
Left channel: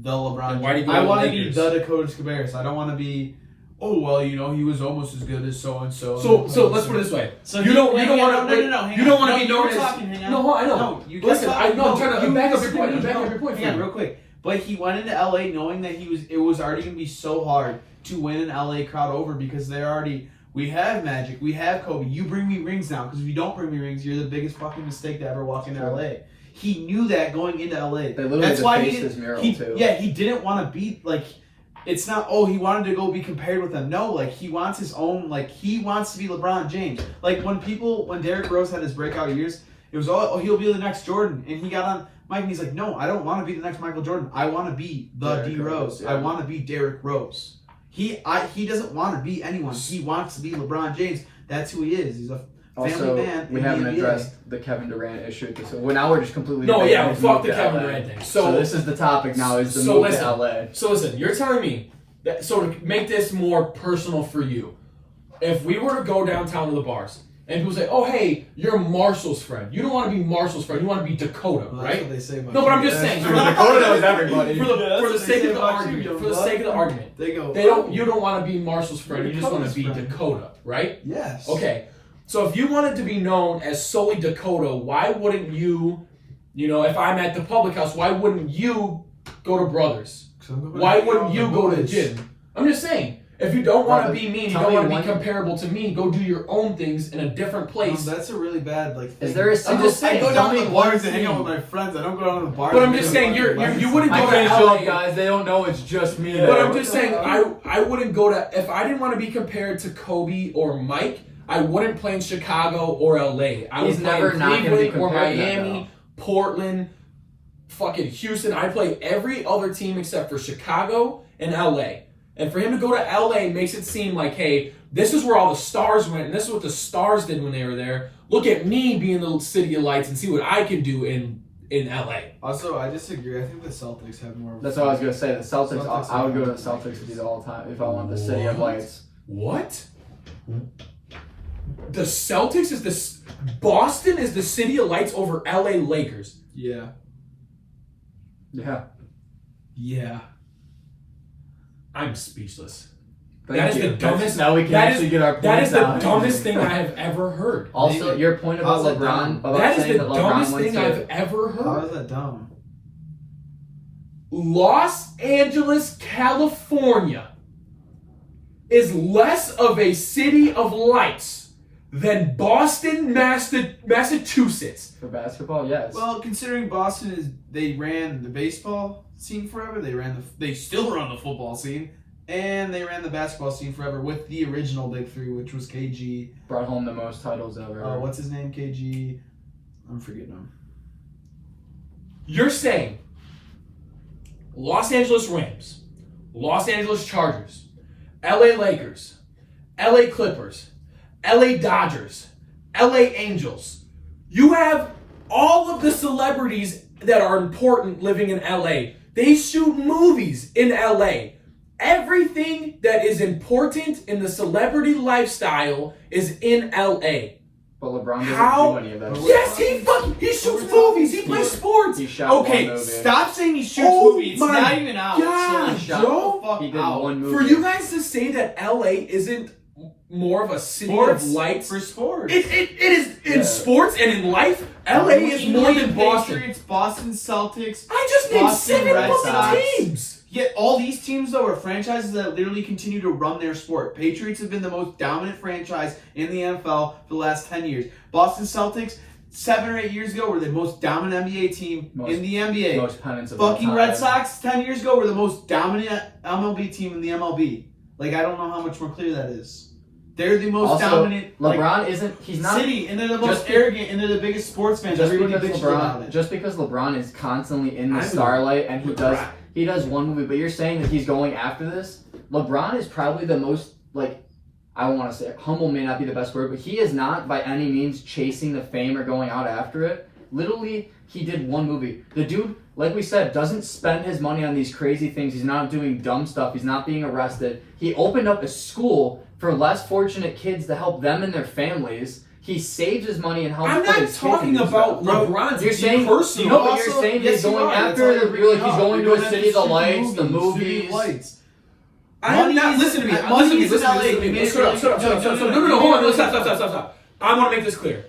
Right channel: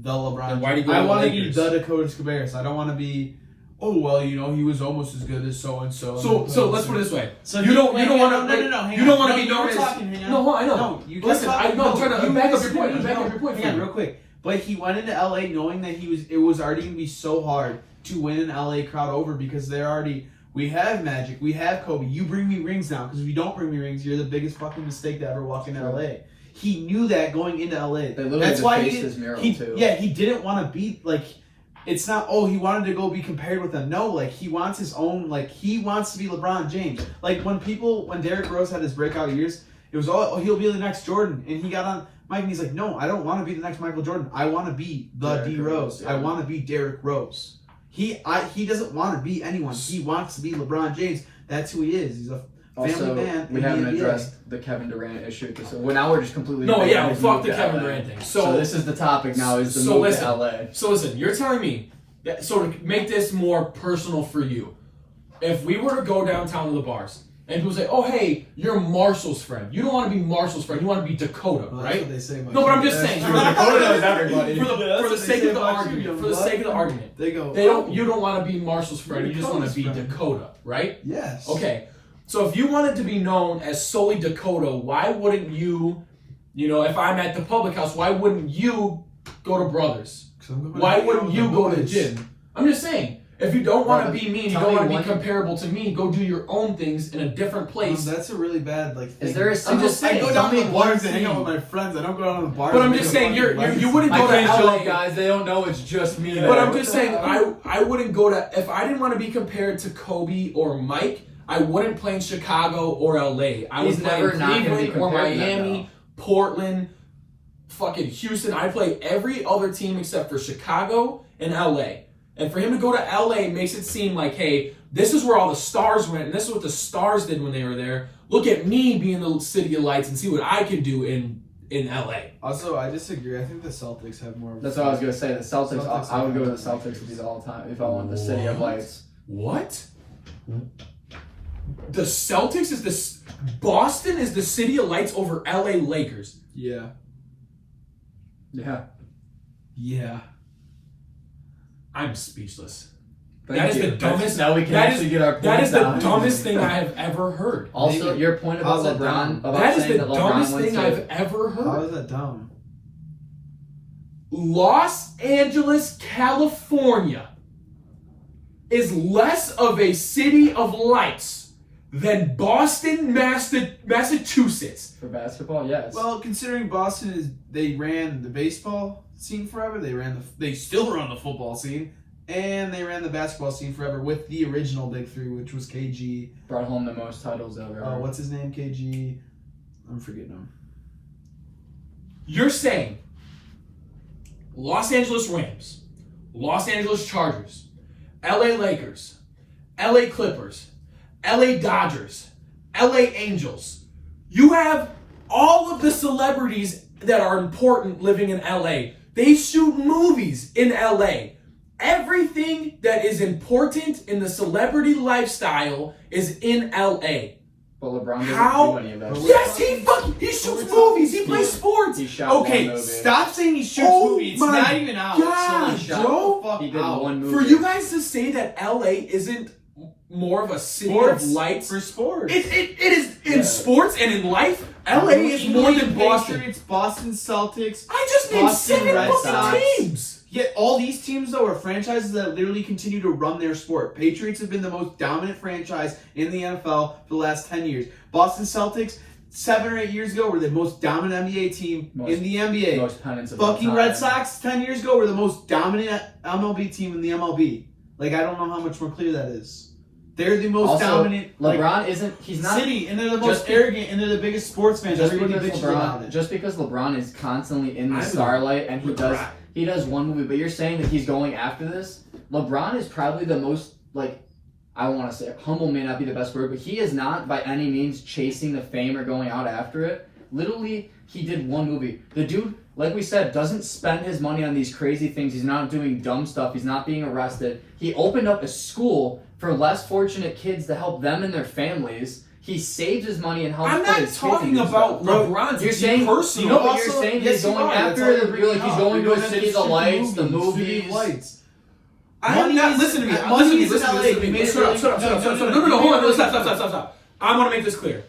the LeBron. Then why do you go I to want to be Lakers? the Dakota Cabarrus. I don't want to be. Oh well, you know he was almost as good as so and so. So let's put it this way. So you don't want to you don't want to be known known as talking, no. I know. No, you Listen, kept talking. I'm trying to You back up listen your to point. me. I'm backing up your point. Hang on, real quick. But he went into LA knowing that it was already gonna be so hard to win an LA crowd over because they're already. We have Magic. We have Kobe. You bring me rings now because if you don't bring me rings, you're the biggest fucking mistake to ever walk into LA. He knew that going into LA. They literally defaced his mural too. Yeah, he didn't want to be like. It's not. Oh, he wanted to go be compared with them. No, like he wants his own. Like he wants to be LeBron James. Like when Derrick Rose had his breakout years, it was all. Oh, he'll be the next Jordan, and he got on Mike and he's like, no, I don't want to be the next Michael Jordan. I want to be the D Rose. I want to be Derrick Rose. He doesn't want to be anyone. He wants to be LeBron James. That's who he is. He's a family Also, man. we in the haven't NBA. addressed the Kevin Durant issue. So now we're just completely. No, yeah, moved fuck the to Kevin LA. Durant thing. So this is the topic now. Is the so move listen, to LA? So listen, you're telling me that, so to make this more personal for you, if we were to go downtown to the bars and people say, "Oh, hey, you're Marshall's friend. You don't want to be Marshall's friend. You want to be Dakota, Well, that's right?" what they say about No, but I'm you. just That's saying. true. For Dakota knows everybody. For Yeah, the that's what sake they say of the about you, argument. young For the blood. sake of the argument. They go. You don't want to be Marshall's friend. You just want to be Dakota's friend. Dakota, right? Yes. Okay. So if you wanted to be known as solely Dakota, why wouldn't you, if I'm at the public house, why wouldn't you go to Brothers? Why wouldn't you go to the gym? I'm just saying. If you don't want to be me and you don't want to be comparable to me, go do your own things in a different place. That's a really bad thing. Is there a I'm single just saying, I go down to the bars and hang out with my friends. I don't go down to the bars. But I'm just saying, you wouldn't go to LA. guys. They don't know it's just me. But I'm just saying, I wouldn't go to, if I didn't want to be compared to Kobe or Mike, I wouldn't play in Chicago or LA. I would He's play never in not gonna be Cleveland or compared to them, Miami, though. Portland, fucking Houston. I play every other team except for Chicago and LA. And for him to go to LA makes it seem like, hey, this is where all the stars went, and this is what the stars did when they were there. Look at me being the city of lights and see what I can do in LA. Also, I disagree. I think the Celtics have more. That's what I was gonna say. The Celtics. Celtics I would go to the Celtics to do that all the time if I want the city of lights. What? The Celtics is this. Boston is the city of lights over LA Lakers. Yeah. Yeah. Yeah. I'm speechless. Thank That is you. the dumbest. Now we can that actually is- get our That points is the out. dumbest thing I have ever heard. Also, Maybe. your point about How's that LeBron, dumb? about That is saying the that LeBron dumbest went thing to I've ever How heard. is that dumb? Los Angeles, California is less of a city of lights than Boston, Massachusetts. for basketball. Yes. Well, considering Boston they ran the baseball scene forever. They still run the football scene, and they ran the basketball scene forever with the original Big Three, which was KG. Brought home the most titles ever. What's his name? KG. I'm forgetting him. You're saying Los Angeles Rams, Los Angeles Chargers, LA Lakers, LA Clippers, LA Dodgers, LA Angels. You have all of the celebrities that are important living in LA. They shoot movies in LA. Everything that is important in the celebrity lifestyle is in LA. But LeBron doesn't How? do any of that. Yes, he shoots movies. He plays sports. He shot Okay, one movie. stop saying he shoots Oh movies. It's my not even out. God, so shut Joe. the fuck He did out. one movie. For you guys to say that LA isn't more of a city of lights, for sports. it is in sports and in life. LA is more than Boston. Patriots, Boston Celtics. I just named Boston 7 Red fucking Sox. teams. Yet all these teams, though, are franchises that literally continue to run their sport. Patriots have been the most dominant franchise in the NFL for the last 10 years. Boston Celtics, 7 or 8 years ago were the most dominant NBA team in the NBA. Most pennants of all Fucking time. Red Sox 10 years ago were the most dominant MLB team in the MLB. Like, I don't know how much more clear that is. They're the most Also, dominant. LeBron isn't. He's not. City, and they're the most just- arrogant, and they're the biggest sports fans. Just Everybody because bitches about LeBron, it. just because LeBron is constantly in the I know. starlight and he does one movie, but you're saying that he's going after this. LeBron is probably the most, like, I don't want to say humble may not be the best word, but he is not by any means chasing the fame or going out after it. Literally, he did one movie. The dude, like we said, doesn't spend his money on these crazy things. He's not doing dumb stuff. He's not being arrested. He opened up a school for less fortunate kids to help them and their families. He saves his money and helps. I'm put not his kids talking in about stuff. LeBron's. You're saying personal. you know, but Also, you're saying yes, he's going you are. That's after all the you're like bringing he's up. going We to don't a have city to of see lights, the movies. movies. Lights. I am not. Listen to me. Money Listen to me. is Listen to me. LA. Listen to me. Shut up. No, hold on. Stop. I want to make this clear.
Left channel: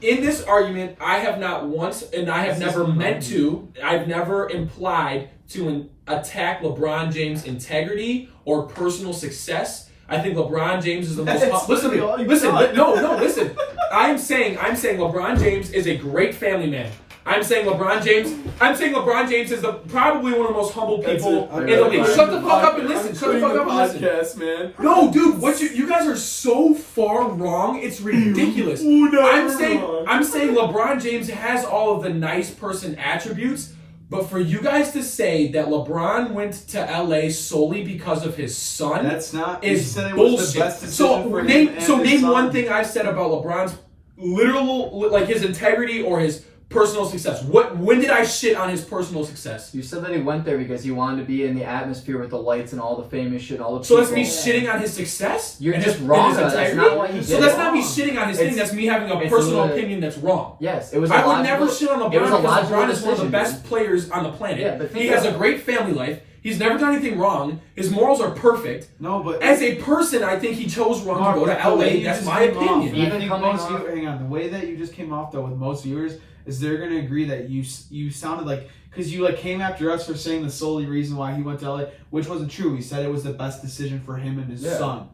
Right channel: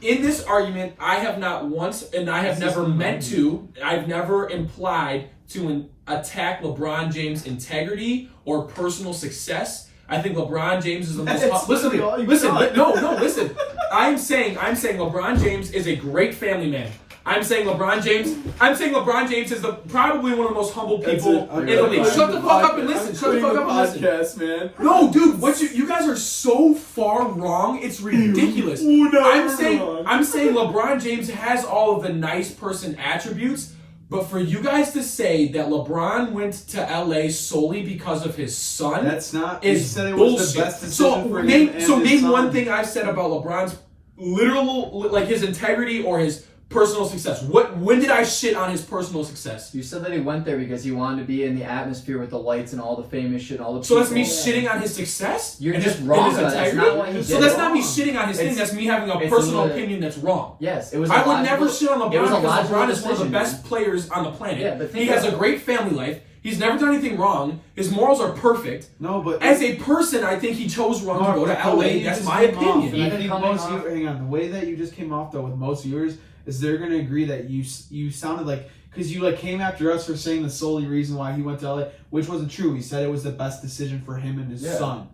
In this argument, I have not once, and I have never meant to, I've never implied to attack LeBron James' integrity or personal success. I think LeBron James is the most. Listen to me. Listen. Listen. I'm saying LeBron James is a great family man. I'm saying LeBron James is probably one of the most humble people in the league. Shut the fuck up and listen. Shut the fuck up and listen. Man. No, dude, what you guys are so far wrong. It's ridiculous. I'm saying LeBron James has all of the nice person attributes, but for you guys to say that LeBron went to LA solely because of his son, That's not. is you said it bullshit. was the best decision So for him name and his son. one thing I've said about LeBron's literal, like his integrity or his personal success. When did I shit on his personal success? You said that he went there because he wanted to be in the atmosphere with the lights and all the famous shit, all the So people. that's me shitting on his success? You're And just his- wrong, and his though. That's integrity? not what he So did. that's not me shitting on his thing. It's- That's me having a it's personal the- opinion that's wrong. Yes, it was. I a would logical- never shit on it was LeBron a because logical LeBron is one of the decision, best man. players on the planet. Yeah, but think He has a about it. great family life. He's never done anything wrong. His morals are perfect. No, but As a person, I think he chose wrong to go to the way LA. you That's just my came off, opinion. and I Even think coming most off- hang on. The way that you just came off though with most viewers is they're gonna agree that you sounded like because you like came after us for saying the solely reason why he went to LA, which wasn't true. He said it was the best decision for him and his son,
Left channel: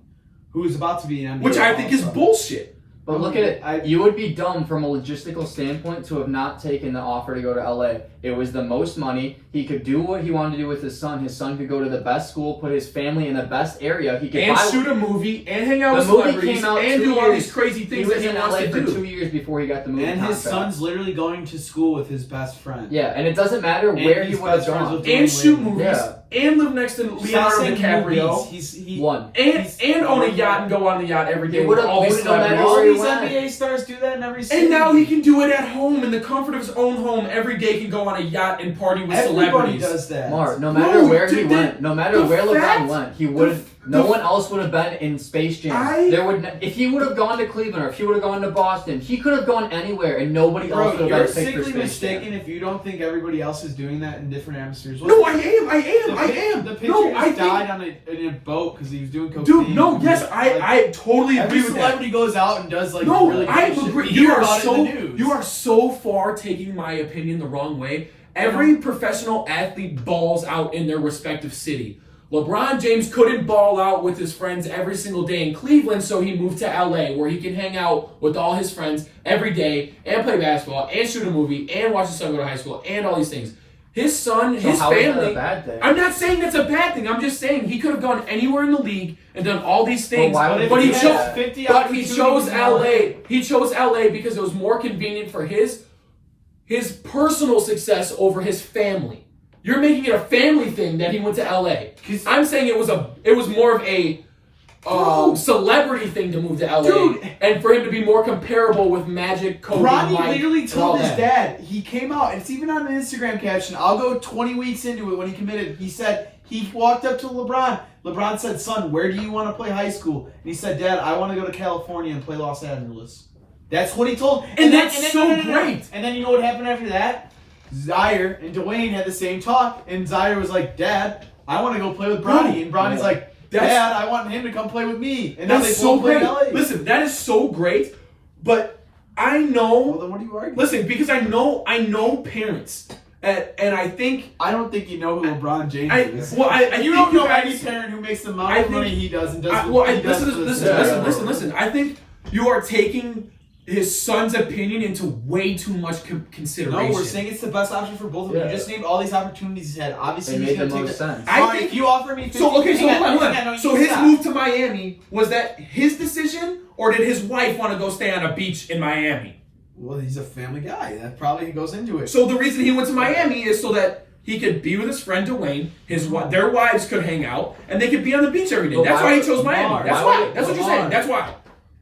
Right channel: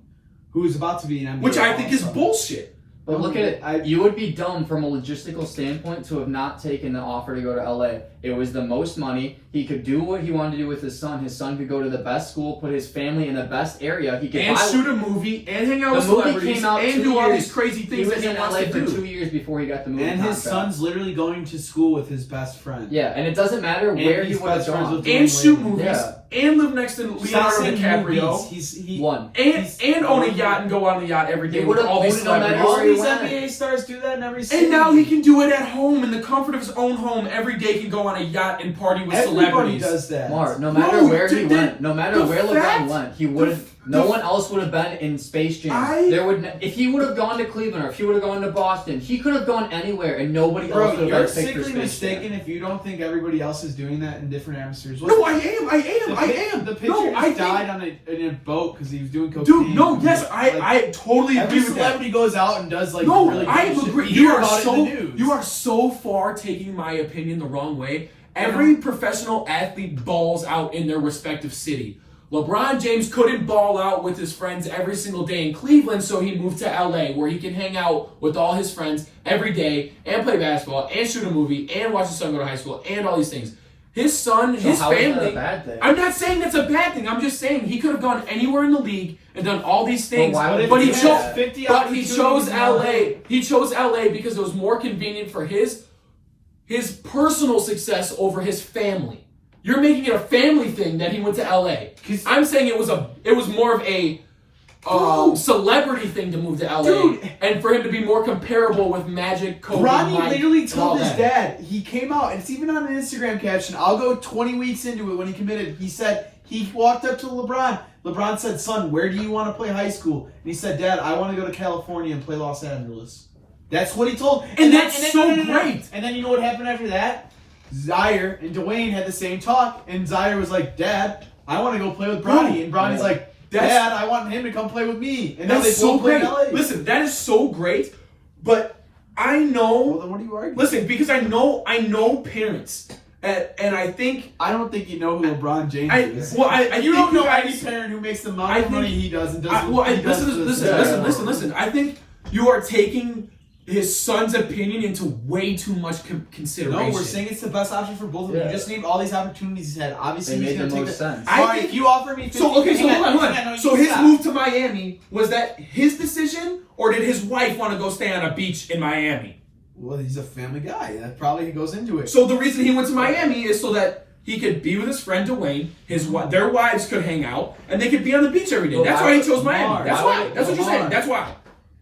who is about to be an NBA. Which I think is All-Star. bullshit. But look at it. I- You would be dumb from a logistical standpoint to have not taken the offer to go to LA. It was the most money. He could do what he wanted to do with his son. His son could go to the best school, put his family in the best area. He could And buy shoot a movie and hang out with The movie celebrities came out and 2 do all years. these crazy He things was that he in wants LA to for do. 2 years before he got the movie And his contract. son's literally going to school with his best friend. Yeah, and it doesn't matter And where he his would have best friends gone. with And shoot Dwayne Wade. movies Yeah. and live next to Stop Leonardo saying DiCaprio. movies. One. And own a yacht and go on the yacht every day He with would've all these owned it no matter celebrities. All where he these went. NBA stars do that in every city. And now he can do it at home in the comfort of his own home. Every day he can go on a yacht and party with Everybody celebrities. does that. Mark, no Bro, matter where he dude, went, no matter the where LeBron fact- went, he would have. the- No one else would have been in Space Jam. There would, if he would have gone to Cleveland or if he would have gone to Boston, he could have gone anywhere, and nobody else Bro, would have you're been picked for sickly Space mistaken Jam. if you don't think everybody else is doing that in different atmospheres. No, I am. The pitcher No, I just think. died on in a boat because he was doing cocaine. Dude, no, yes, Like, I totally every agree with that. celebrity goes out and does like No, really I good shit. agree. We You hear are about it so in the news. you are so far taking my opinion the wrong way. Every professional athlete balls out in their respective city. LeBron James couldn't ball out with his friends every single day in Cleveland, so he moved to LA where he can hang out with all his friends every day and play basketball and shoot a movie and watch his son go to high school and all these things. His son, So his how is that family. a bad thing? I'm not saying that's a bad thing. I'm just saying he could have gone anywhere in the league and done all these things. why would But he he do chose. that? 50 But he chose opportunities in LA. LA. He chose LA because it was more convenient for his personal success over his family. You're making it a family thing that he went to LA. I'm saying it was more of a celebrity thing to move to LA, Dude. and for him to be more comparable with Magic, Kobe, Ronnie Mike, literally and all told his that. dad. He came out, and it's even on an Instagram caption. I'll go 20 weeks into it when he committed. He said he walked up to LeBron. LeBron said, "Son, where do you want to play high school?" And he said, "Dad, I want to go to California and play Los Angeles." That's what he told. And that's so great. And then you know what happened after that? Zaire and Dwayne had the same talk, and Zaire was like, "Dad, I want to go play with Bronny," and Bronny's like, That's- "Dad, I want him to come play with me." And now That's they so both play great. in LA. Listen, that is so great. But I Well, know. then what are you arguing? Listen, because I know parents, and I think. I don't think you know who LeBron James I is. you You think don't know guys- any parent who makes the amount I of money think- he does and does. listen. I think you are taking his son's opinion into way too much consideration. No, we're saying it's the best option for both of them. You just need all these opportunities he's had. Obviously, It he's made the gonna most take sense. I think think you offer me 50. So okay, so hold on. No, So his move to Miami, was that his decision, or did his wife want to go stay on a beach in Miami? Well, he's a family guy. That probably goes into it. So the reason he went to Miami is so that he could be with his friend Dwayne. Their wives could hang out, and they could be on the beach every day. But That's why he chose Miami. That's why. That's what you're saying. Lamar. That's why.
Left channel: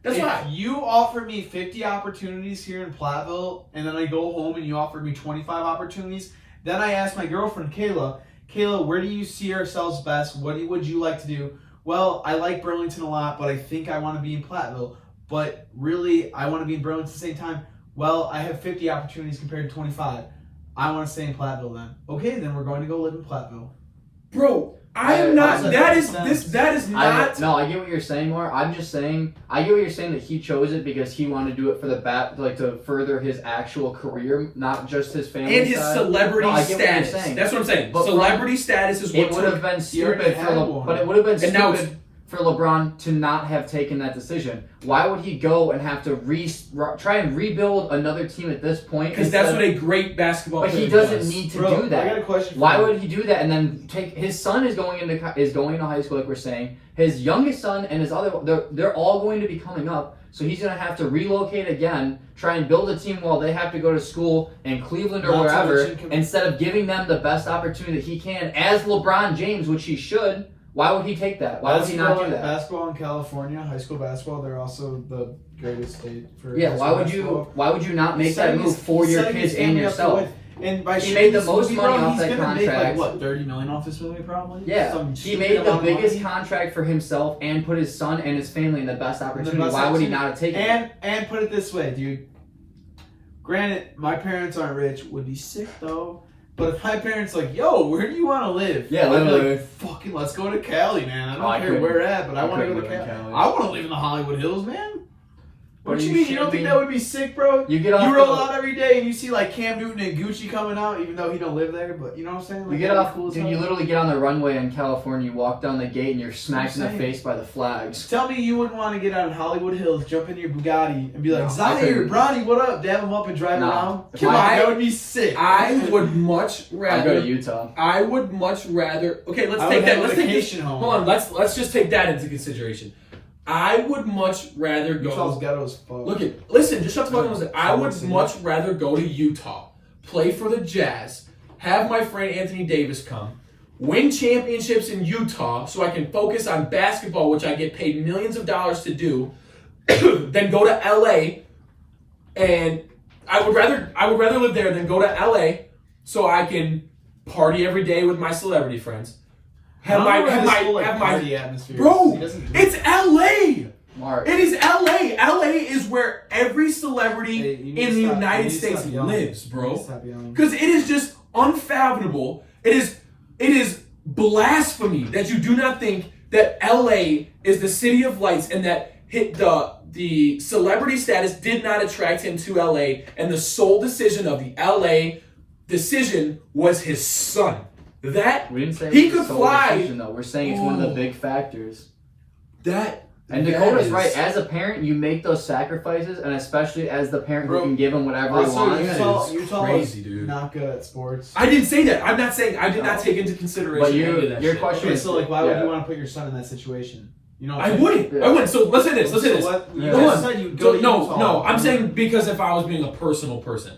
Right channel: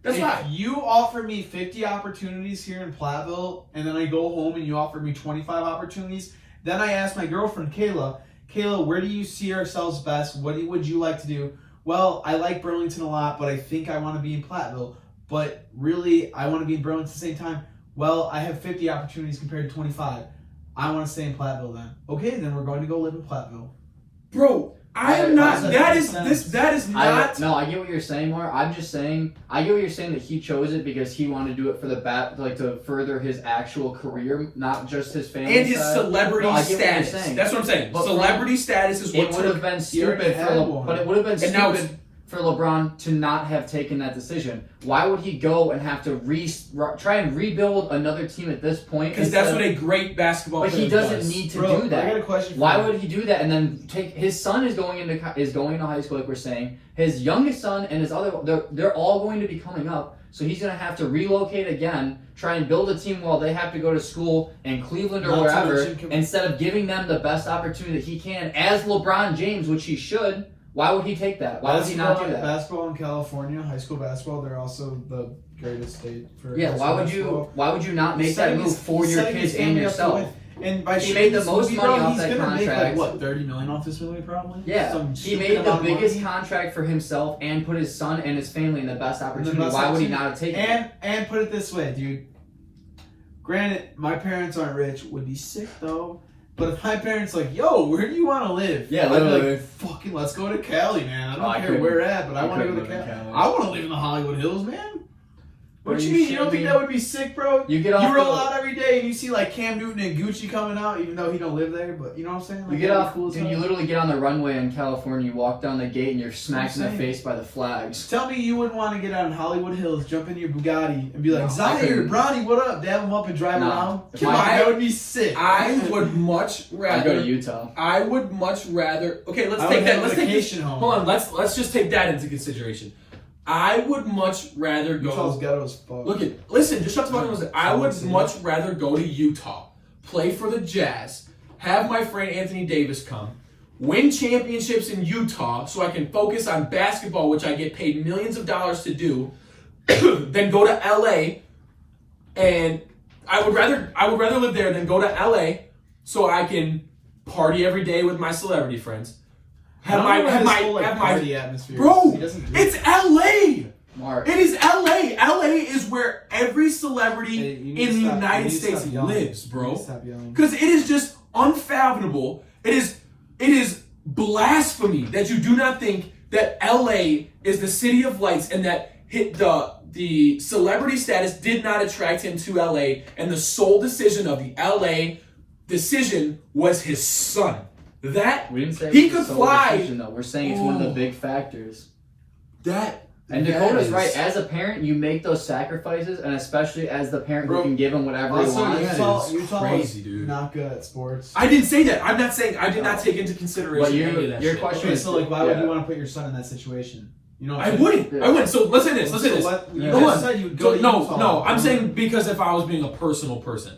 That's if why. you offer me 50 opportunities here in Platteville, and then I go home and you offer me 25 opportunities, then I ask my girlfriend Kayla, where do you see ourselves best? What would you like to do? Well, I like Burlington a lot, but I think I want to be in Platteville. But really, I want to be in Burlington at the same time. Well, I have 50 opportunities compared to 25. I want to stay in Platteville then. Okay, then we're going to go live in Platteville. Bro, I am not. That is I not. get what you're saying, Mar. I'm just saying. I get what you're saying that he chose it because he wanted to do it for the to further his actual career, not just his family And his side. celebrity No, I get what you're status. saying. That's what I'm saying. But Celebrity status is what It would have been stupid but it would have been And now stupid for LeBron to not have taken that decision. Why would he go and have to try and rebuild another team at this point? Because that's what a great basketball But player he doesn't does. need to Bro, do that. I got a question for Why you. would he do that and then take his son is going into high school like we're saying. His youngest son and his other they're all going to be coming up. So he's going to have to relocate again, try and build a team while they have to go to school in Cleveland or Not to wherever, mention- instead of giving them the best opportunity that he can as LeBron James, which he should. Why would he take that? Why would he not do that? Basketball in California, high school basketball, they're also the greatest state for Yeah, high why school would you? basketball. Why would you not make He's that setting move his- for he's your setting kids his and family up to yourself? win. And by He shooting made the this most movie, money bro, off he's that gonna make, like, contract. what, $30 million off this movie probably? Yeah, Some he stupid made the amount of biggest money. contract for himself and put his son and his family in the best opportunity. best Why would he opportunity. not have taken it? And put it this way, dude. Granted, my parents aren't rich. Would be sick though. But if my parents like, yo, where do you want to live? Yeah, I'd be literally. like, fucking, let's go to Cali, man. I Oh, don't I care couldn't- where at, but I I want to go couldn't to live in Cali. Cali. I want to live in the Hollywood Hills, man. What Are you you mean? You don't shitting think me? that would be sick, bro? You get off You roll the- out every day and you see like Cam Newton and Gucci coming out, even though he don't live there. But you know what I'm saying? You Like, get that'd be off, cool as dude. hell. You literally get on the runway in California. You walk down the gate and you're smacked in the saying. face by the flags. Tell me you wouldn't want to get on Hollywood Hills, jump in your Bugatti, and be like, No, I Zaire, couldn't. Bronny, what up? Dab him up and drive No. around. If Come on, I- that would be sick. I would much I rather. go to Utah. I would much rather. Okay, let's I take would that. have Let's a take this. vacation home. Hold on. Let's just take that into consideration. I would much rather Utah's go. ghetto as fuck. Listen. Just shut the fuck up. Listen. I would much rather go to Utah, play for the Jazz, have my friend Anthony Davis come, win championships in Utah, so I can focus on basketball, which I get paid millions of dollars to do, than go to LA. And I would rather live there than go to LA, so I can party every day with my celebrity friends. Have my party atmosphere. bro. He doesn't do It's LA. Mark. It is LA. LA is where every celebrity Hey, you need in to the stop- United you need to States stop yelling. lives, You bro. need to stop yelling. Because it is just unfathomable. It is blasphemy that you do not think that LA is the city of lights and that the celebrity status did not attract him to LA, and the sole decision of the LA decision was his son. That We didn't say he it's a could sole fly. decision, though. We're saying it's one of the big factors. That And that Dakota's is- right. As a parent, you make those sacrifices, and especially as the parent who Bro, can give him whatever he Also, wants. Utah crazy, is dude. not good at sports. I didn't say that. I'm not saying I did not take into consideration But any of that your shit. question Okay, is, so like, why would yeah. you want to put your son in that situation? You know, what I I'm saying? wouldn't. Yeah. I wouldn't. So let's say this. Let's say So this. what- Yeah. you Come just on. said you'd go So, to no, Utah. no. I'm saying because if I was being a personal person,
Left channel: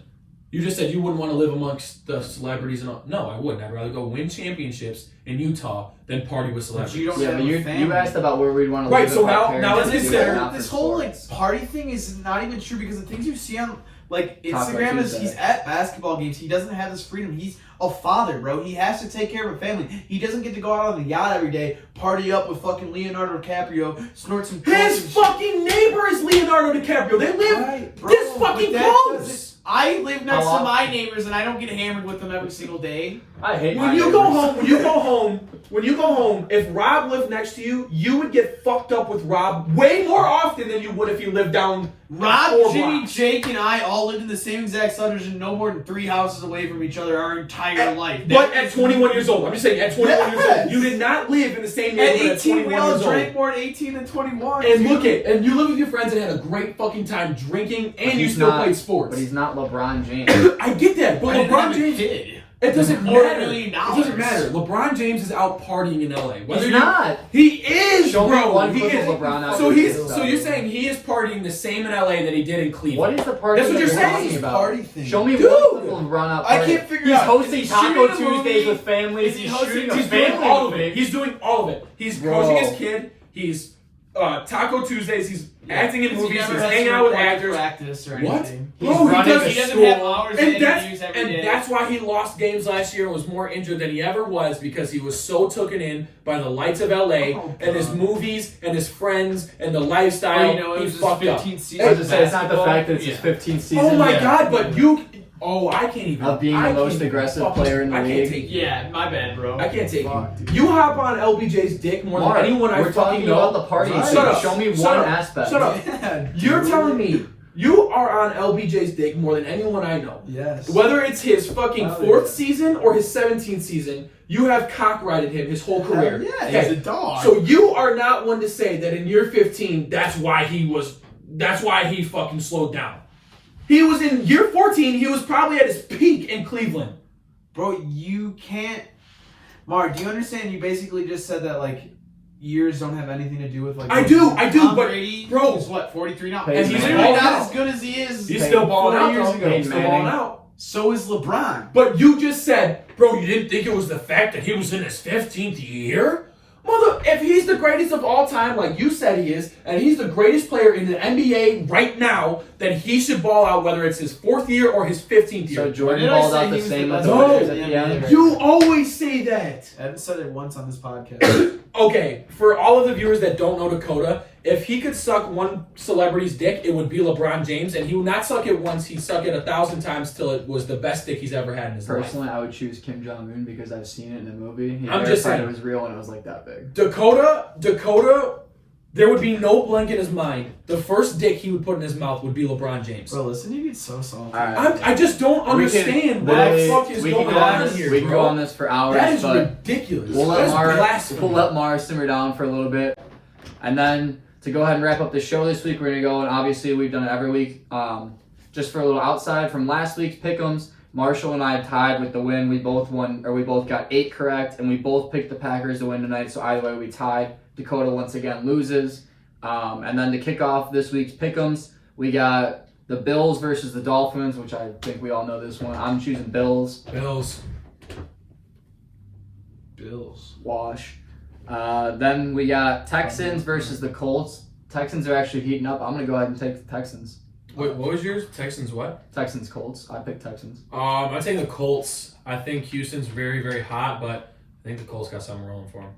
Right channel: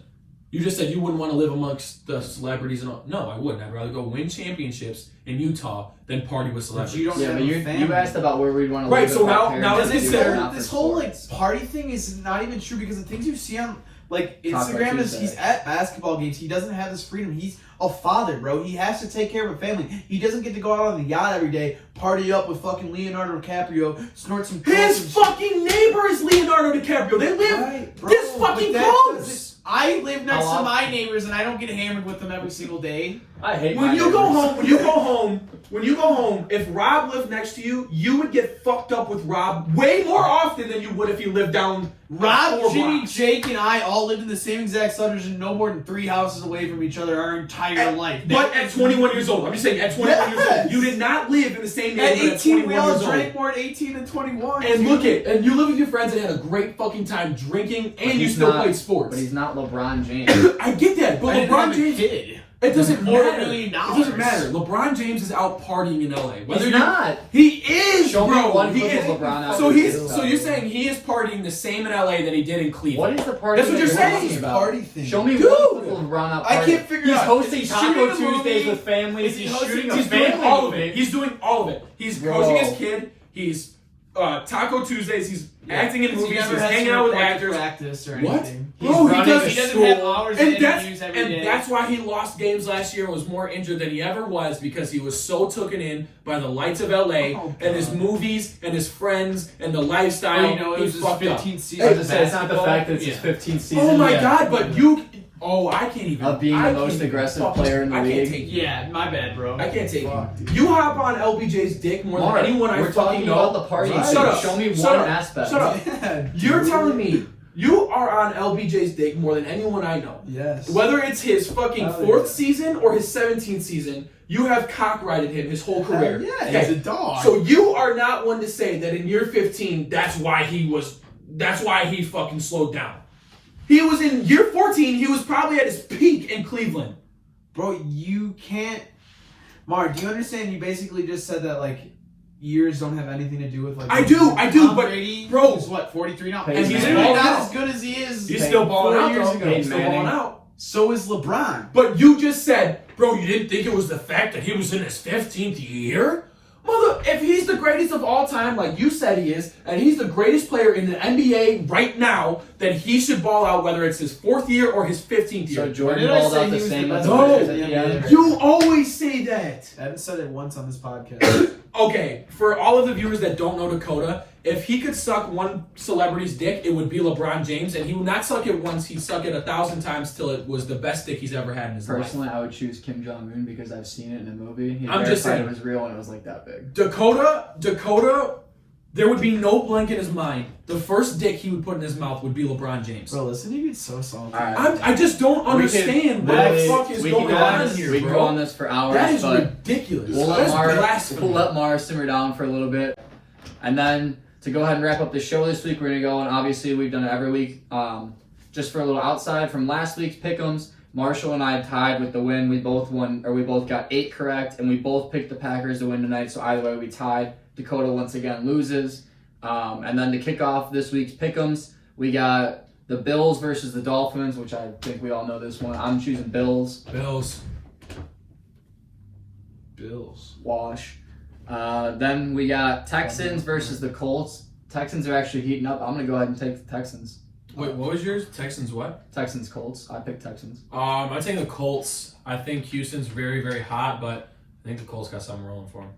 you just said you wouldn't want to live amongst the celebrities and all. No, I wouldn't. I'd rather go win championships in Utah than party with But celebrities. you don't Yeah, have but a you family. asked about where we'd want to Right, live. so if our now parents let's did consider not for this whole like sports. party thing is not even true because the things you see on like Talk Instagram about is Tuesday. he's at basketball games. He doesn't have this freedom. He's a father, bro. He has to take care of a family. He doesn't get to go out on the yacht every day, party up with fucking Leonardo DiCaprio, snort some coke and His shit. fucking neighbor is Leonardo DiCaprio. They live Right, bro, this but fucking that close. doesn't- I live next How to my neighbors and I don't get hammered with them every single day. I hate When my you go neighbors. home, if Rob lived next to you, you would get fucked up with Rob way more often than you would if you lived down Rob, 4 Jimmy, blocks. Jake, and I all lived in the same exact subdivision, no more than 3 houses away from each other our entire life. But at 21 years old, I'm just saying, at 21 years old, Yes. you did not live in the same At neighborhood at 18, we 21 all years old. drank more at 18 than 21. And and you lived with your friends and had a great fucking time drinking, and you he's still not- played sports. But he's not LeBron James. I get that, but I didn't LeBron have a James. kid. It doesn't $4 matter. million. It doesn't matter. LeBron James is out partying in LA. He's not. He is, Show me bro. one He clip is. of LeBron out So there. so you're saying he is partying the same in LA that he did in Cleveland? What is the party? That's what you're that saying. talking about? Party thing. Show me Dude. one clip of LeBron out I partying. can't figure He's out. hosting Is he Taco shooting a Tuesdays movie? with families. Is he He's hosting- shooting a He's doing family all of movie. it. He's doing all of it. He's Bro. coaching his kid. He's Taco Tuesdays. He's acting in He movies. never He's has hanging to out with report to actors. practice or What? anything. He's Bro, running does- a He doesn't school. have hours of And interviews every day. that's why he lost games last year and was more injured than he ever was, because he was so taken in by the lights of LA and his movies and his friends and the lifestyle. Well, you know, it he was his fucked up. 15th season I was of just say, it's not the basketball. fact that it's his 15th season. Oh my Yeah. god, but you. Oh, I can't even. Of being I the can't most even aggressive fucking- player in the I league. can't take you. Yeah, my bad, bro. I can't take Fuck, you. dude. You hop on LBJ's dick more Mark, than anyone I we're fucking talking know. about the party. Shut So up. show me Shut one up. aspect. Shut up. Yeah, You're dude. telling me you are on LBJ's dick more than anyone I know. Yes. Whether it's his fucking Oh, 4th yeah. season or his 17th season, you have cock-rided him his whole career. Yeah, Okay. he's a dog. So you are not one to say that in year 15, that's why he fucking slowed down. He was in year 14, he was probably at his peak in Cleveland. Bro, you can't. Mark, do you understand? You basically just said that, like, years don't have anything to do with, like. I do, Tom but, Brady, bro- who's what, 43 now? And He's he's literally balling not out. as good as he is. He's still balling 4 out, years though. ago. He's still balling out. So is LeBron. But you just said, bro, you didn't think it was the fact that he was in his 15th year? Mother, if he's the greatest of all time, like you said he is, and he's the greatest player in the NBA right now, then he should ball out whether it's his 4th year or his 15th year. So Jordan Did I balled say out he the was same the with best the player Lakers in at the the end. NBA? You always say that. I haven't said it once on this podcast. Okay, for all of the viewers that don't know Dakota, if he could suck one celebrity's dick, it would be LeBron James, and he would not suck it once, he'd suck it 1,000 times till it was the best dick he's ever had in his life. Personally, I would choose Kim Jong-un because I've seen it in a movie. He I'm just verified saying. it was real and it was like that big. Dakota, there would be no blank in his mind. The first dick he would put in his mouth would be LeBron James. Bro, listen to you get so salty. Alright. I just don't understand what the Literally, fuck is we going can go on this- here, We can bro. go on this for hours, That is but ridiculous. we'll That let is Mara blasphemy. simmer down for a little bit. And then to go ahead and wrap up the show this week, we're going to go, and obviously we've done it every week. Just for a little outside from last week's pick'ems, Marshall and I tied with the win. We both won, or we both got 8 correct, and we both picked the Packers to win tonight, so either way we tied. Dakota once again loses. And then to kick off this week's pick'ems, we got the Bills versus the Dolphins, which I think we all know this one. I'm choosing Bills. Bills. Wash. Then we got Texans versus the Colts. Texans are actually heating up. I'm going to go ahead and take the Texans. Wait, what was yours? Texans what? Texans, Colts. I picked Texans. I take the Colts. I think Houston's very, very hot, but I think the Colts got something rolling for them.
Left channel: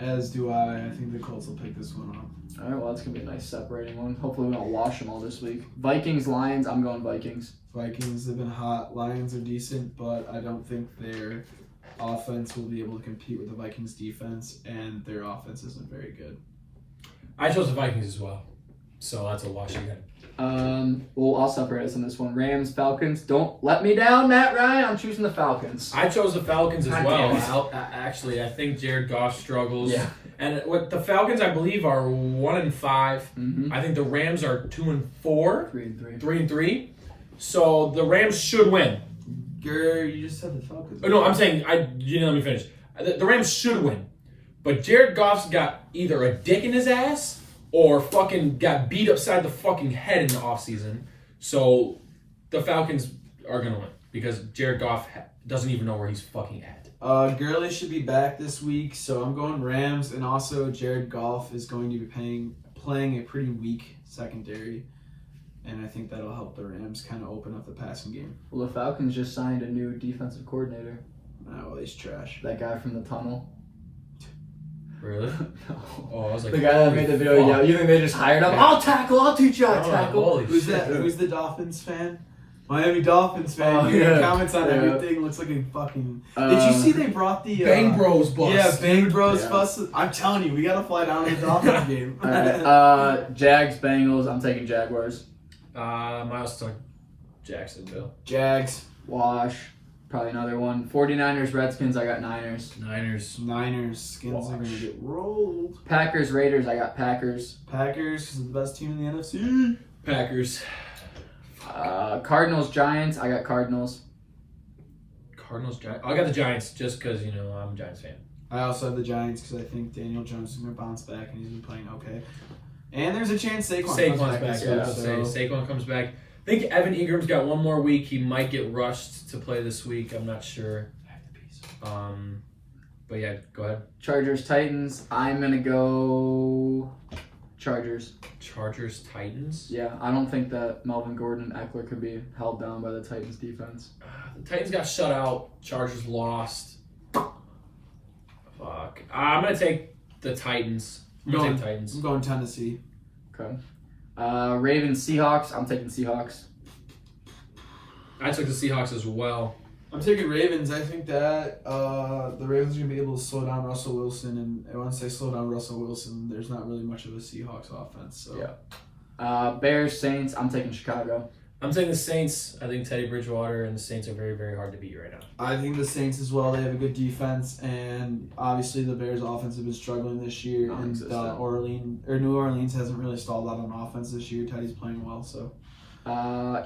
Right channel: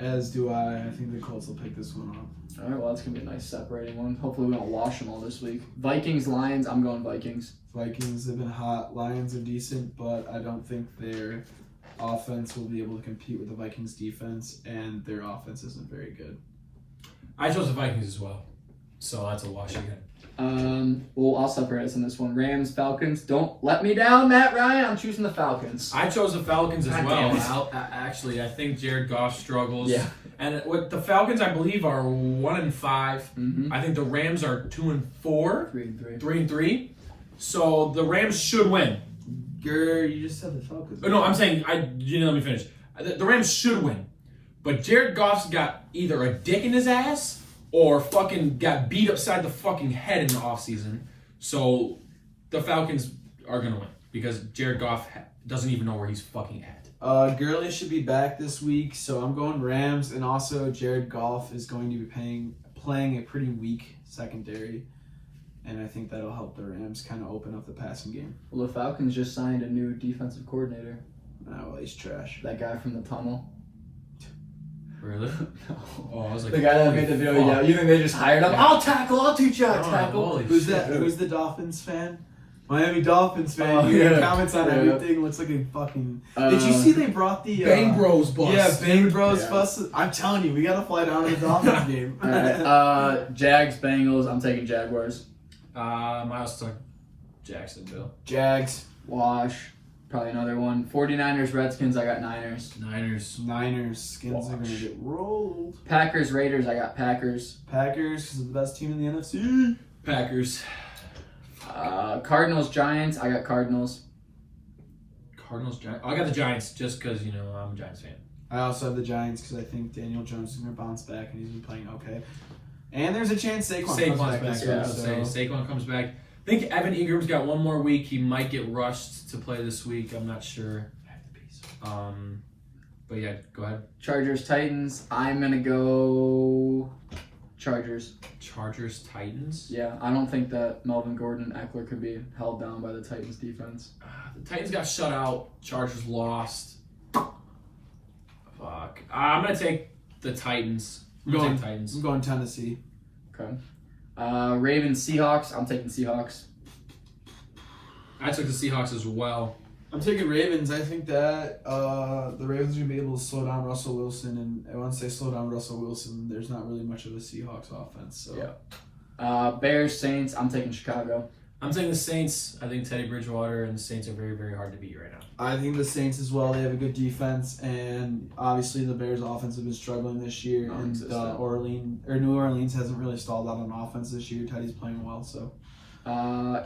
As do I. I think the Colts will pick this one up. All right, well, that's going to be a nice separating one. Hopefully we don't wash them all this week. Vikings, Lions. I'm going Vikings. Vikings have been hot. Lions are decent, but I don't think their offense will be able to compete with the Vikings defense, and their offense isn't very good. I chose the Vikings as well, so that's a wash again. Well, I'll separate us on this one. Rams, Falcons. Don't let me down, Matt Ryan. I'm choosing the Falcons. I chose the Falcons as God well. damn it. Actually, I think Jared Goff struggles. Yeah. And what the Falcons, I believe, are 1-5. Mm-hmm. I think the Rams are 2-4, 3-3. 3-3. So the Rams should win. You just said the Falcons. Oh, no, I'm saying you didn't let me finish. The Rams should win, but Jared Goff's got either a dick in his ass or fucking got beat upside the fucking head in the offseason. So the Falcons are gonna win because Jared Goff doesn't even know where he's fucking at. Gurley should be back this week, so I'm going Rams, and also Jared Goff is going to be playing a pretty weak secondary, and I think that'll help the Rams kind of open up the passing game. Well, the Falcons just signed a new defensive coordinator. Oh, he's trash. That guy from the tunnel. Really? Oh, I was like, The guy that made the video, fuck. yeah. You think they just hired him? Yeah. I'll tackle. I'll teach you how to Oh, tackle. holy Who's shit, that? dude. Who's the Dolphins fan? Miami Dolphins fan. Oh, He yeah. comments on Yeah. everything. Looks like a fucking. Did you see they brought the Bang Bros bus. Yeah, Bang Bros Yeah. bus. I'm telling you, we gotta fly down to the Dolphins game. Jags, Bengals. I'm taking Jaguars. I also took Jacksonville. Jags, Wash. Probably another one. 49ers, Redskins. I got Niners. Niners, Skins are gonna get rolled. Packers, Raiders. I got Packers. Packers, because the best team in the NFC. Packers. Cardinals, Giants. I got Cardinals. Cardinals, Giants. I got the Giants just because, you know, I'm a Giants fan. I also have the Giants because I think Daniel Jones is gonna bounce back and he's been playing okay. And there's a chance Saquon's Saquon's back. too, Yeah, so- Saquon comes back. I think Evan Ingram's got one more week. He might get rushed to play this week. I'm not sure. But yeah, go ahead. Chargers, Titans. I'm gonna go Chargers. Chargers, Titans. Yeah, I don't think that Melvin Gordon and Eckler could be held down by the Titans defense. The Titans got shut out. Chargers lost. Fuck. I'm gonna take the Titans. I'm gonna take Titans. I'm going Tennessee. Okay. Ravens, Seahawks. I'm taking Seahawks. I took the Seahawks as well. I'm taking Ravens. I think that the Ravens are going to be able to slow down Russell Wilson. And once they slow down Russell Wilson, there's not really much of a Seahawks offense. So. Yeah. Bears, Saints. I'm taking Chicago. I'm taking the Saints. I think Teddy Bridgewater and the Saints are very, very hard to beat right now. I think the Saints as well. They have a good defense. And obviously the Bears offense have been struggling this year. And New Orleans hasn't really stalled out on offense this year. Teddy's playing well. So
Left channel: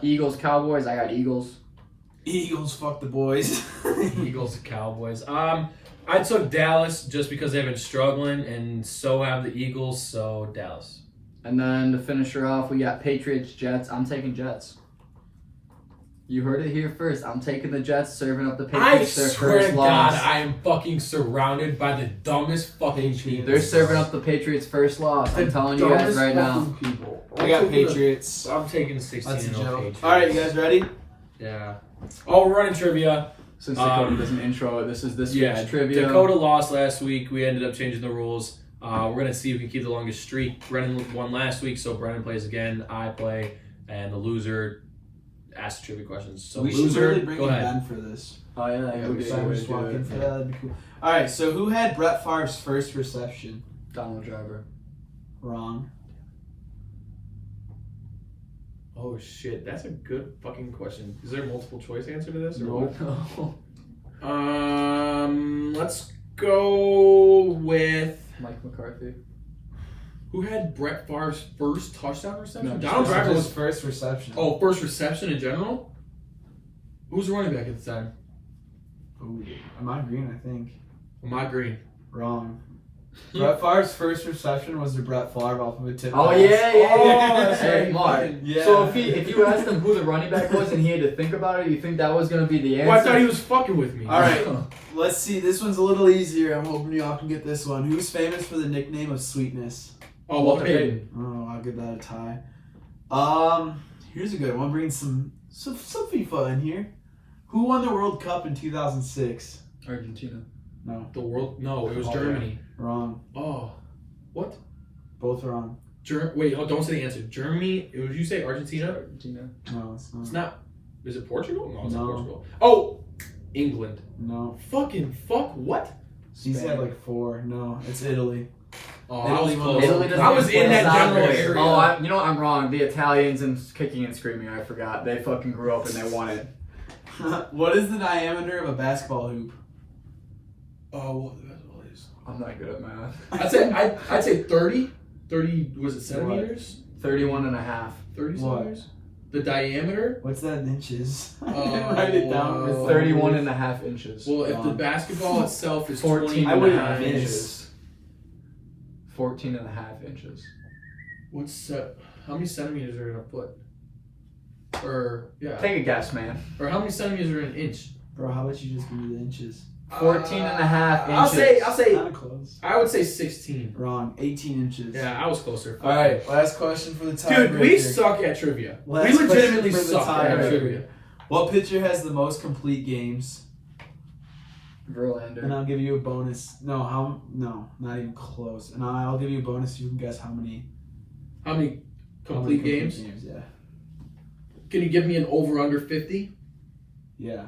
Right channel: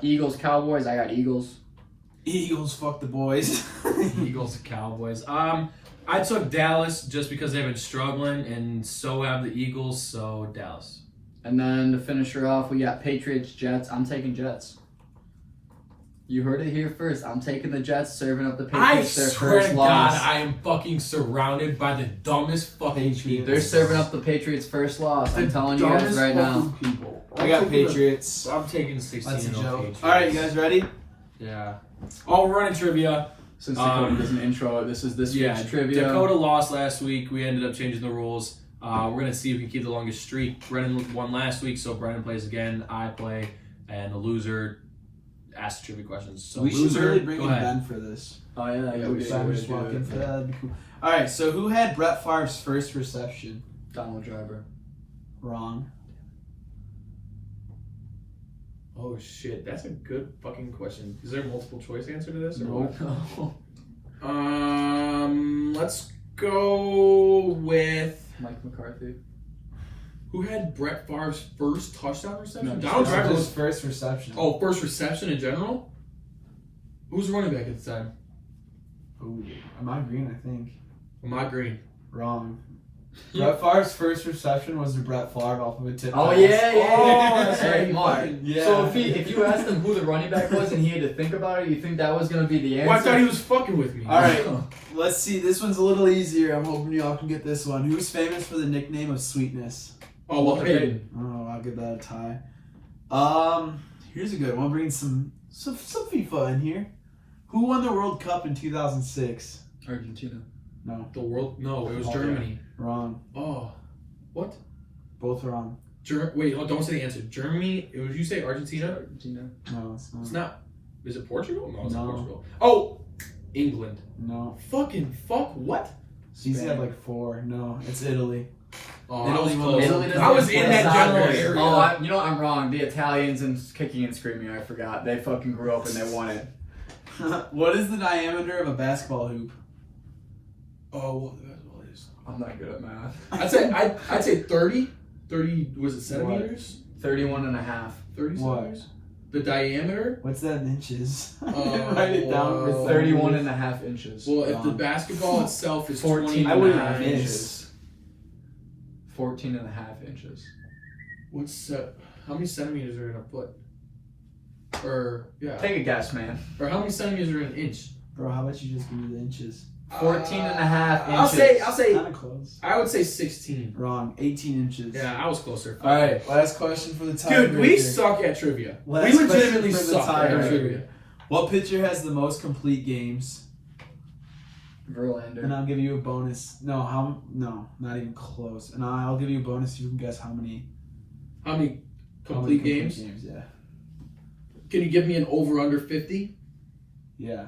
Eagles, Cowboys. I got Eagles. Eagles, fuck the boys. Eagles, Cowboys. I took Dallas just because they've been struggling, and so have the Eagles. So Dallas. And then to finish her off, we got Patriots, Jets. I'm taking Jets. You heard it here first. I'm taking the Jets, serving up the I Patriots their swear first to loss. God, I am fucking surrounded by the dumbest fucking people. They're serving up the Patriots' first loss. I'm telling you guys Dumbest right now. fucking people. I got Patriots. I'm taking 16 That's a and joke. Patriots. All right, you guys ready? Yeah. Oh, we're running trivia. Since Dakota doesn't intro it, this is this week's trivia. Dakota lost last week. We ended up changing the rules. We're going to see if we can keep the longest streak. Brennan won last week, so Brennan plays again. I play, and the loser asks trivia questions. So we should loser, really bring go in ahead. Ben for this. Oh, yeah, We should just walk in for that. That'd be cool. All right, so who had Brett Favre's first reception? Donald Driver. Wrong. Oh, shit. That's a good fucking question. Is there a multiple choice answer to this? Or what? No. Let's go with... Mike McCarthy. Who had Brett Favre's first touchdown reception? No, Donald Driver was... first reception. Oh, first reception in general? Who was the running back at the time? Ooh, Ahmad Green, I think. Ahmad Green. Wrong. Brett Favre's first reception was the Brett Favre off of a tip. Oh, pass. yeah. Oh, that's Hey, right. Mark. Yeah. So if you asked him who the running back was and he had to think about it, you think that was going to be the answer? Well, I thought he was fucking with me. All right, let's see. This one's a little easier. I'm hoping y'all can get this one. Who's famous for the nickname of Sweetness? Oh, Walter Payton. Oh, I'll give that a tie. Here's a good one. Bringing some FIFA in here. Who won the World Cup in 2006? Argentina. No, The world? No, it was Germany. wrong. Oh, what? Both wrong. Wait, don't say the answer. Germany? Would you say Argentina? Argentina. No, it's not. It's not. Is it Portugal? No, it's not No. Portugal. Oh, England. No. Fucking fuck. What? He said like 4. No, it's Italy. Oh, I was Italy won close. the Italy World doesn't I was get in that forced general out there. area. Oh, you know what? I'm wrong. The Italians and kicking and screaming. I forgot. They fucking grew up and they won it. What is the diameter of a basketball hoop? Oh, well, that's what it is. I'm not good at math. I'd say 30. 30. Was it centimeters? 31 and a half. 30 What? centimeters. The diameter. What's that in inches? Oh, Write it down. wow. 31 and a half inches. Well, if the basketball itself is 14 20 I and would a have half missed. inches. 14 and a half inches. How many centimeters are in a foot? Or yeah. Take a guess, man. Or how many centimeters are in an inch? Bro, how about you just give me the inches? 14 and a half I'll inches. say. Kind of close. I would say 16. Wrong. 18 inches. Yeah, I was closer. All right, last question for the time. Dude, we suck at trivia. Last We legitimately question for the suck at tiebreaker. trivia. What pitcher has the most complete games? And Verlander. I'll give you a bonus. No, not even close. And I'll give you a bonus. You can guess how many How many complete games? Yeah. Can you give me an over under 50? Yeah.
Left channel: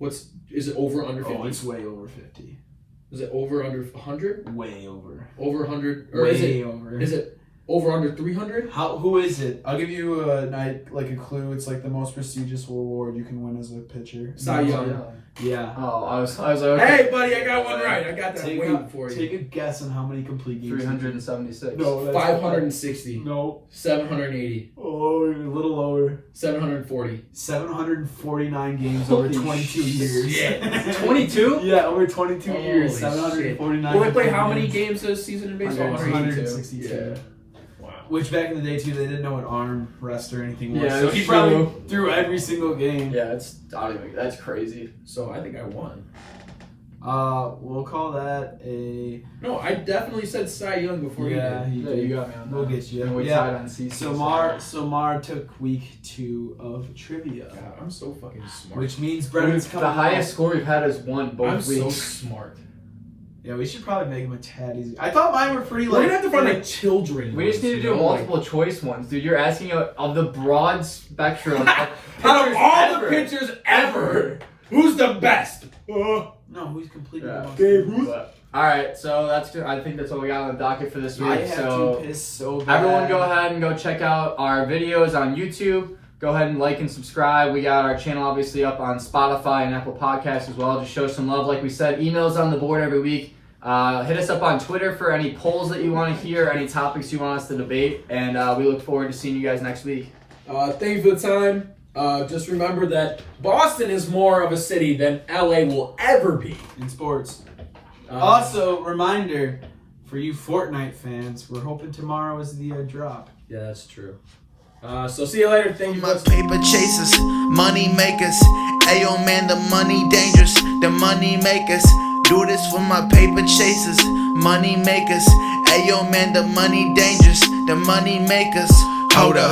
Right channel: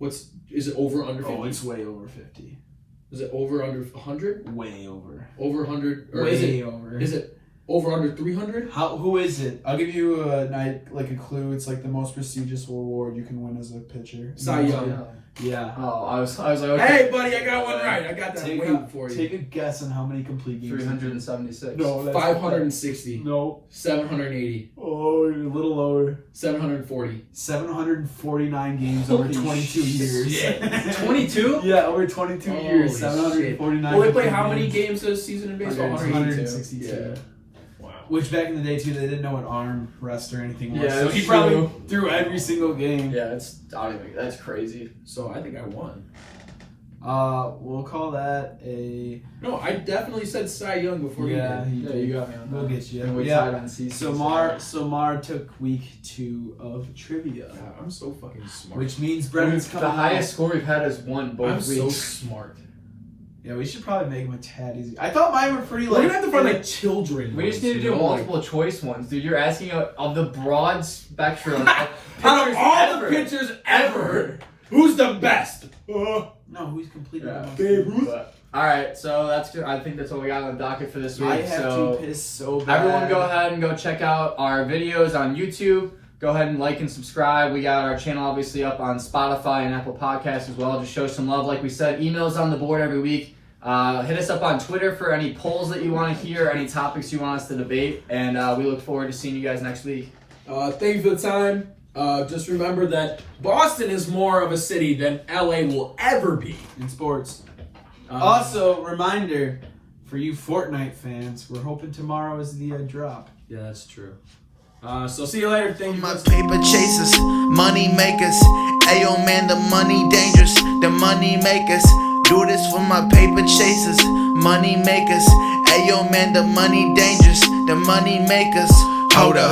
Is it over under 50? Oh, it's way over 50. Is it over under 100? Way over. Over 100? Or Way over. Is it over under 300? Who is it? I'll give you a clue. It's like the most prestigious award you can win as a pitcher. Cy Young. Yeah. Oh, I was like, Hey, buddy, I got one right. I got that waiting for you. Take a guess on how many complete games. 376. No, that's 560. No. 780. Oh, a little lower. 740. 749 games over 22 years. Shit. 22? Yeah, over 22 years. 749. Well, they play how many games this season in baseball? 162. Yeah. Wow. Which back in the day too, they didn't know what arm rest or anything was. Yeah, so he that's probably true. threw every single game. Yeah, that's crazy. So I think I won. We'll call that a. No, I definitely said Cy Young before you Yeah, did. he Yeah, did. you got me on We'll that. get you. And we Yeah. tied on CC. So Mar took week 2 of trivia, God, I'm so fucking smart. which means Brendan's coming. the highest score we've had is 1 both I'm weeks. so smart. Yeah, we should probably make him a tad easy. I thought mine were pretty. We're gonna have to find like children. We just need to do ones, you know, like- multiple choice ones, dude. You're asking of the broad spectrum. of Out pitchers of all ever. the pitchers ever, who's the best? No, who's completed Yeah. the most? Babe Ruth. But, all right, so that's good. I think that's what we got on the docket for this I week. have So to piss so bad. everyone, go ahead and go check out our videos on YouTube. Go ahead and like and subscribe. We got our channel obviously up on Spotify and Apple Podcasts as well. Just show some love, like we said. Emails on the board every week. Hit us up on Twitter for any polls that you want to hear, any topics you want us to debate, and we look forward to seeing you guys next week. Thank you for the time. Just remember that Boston is more of a city than LA will ever be. in sports. Also, reminder for you Fortnite fans, we're hoping tomorrow is the drop. Yeah, that's true. So see you later. Thank you. My paper chasers, money makers. Ayo man, the money dangerous. The money makers. Do this for my paper chasers, money makers. Ayo man, the money dangerous. The money makers. Hold up,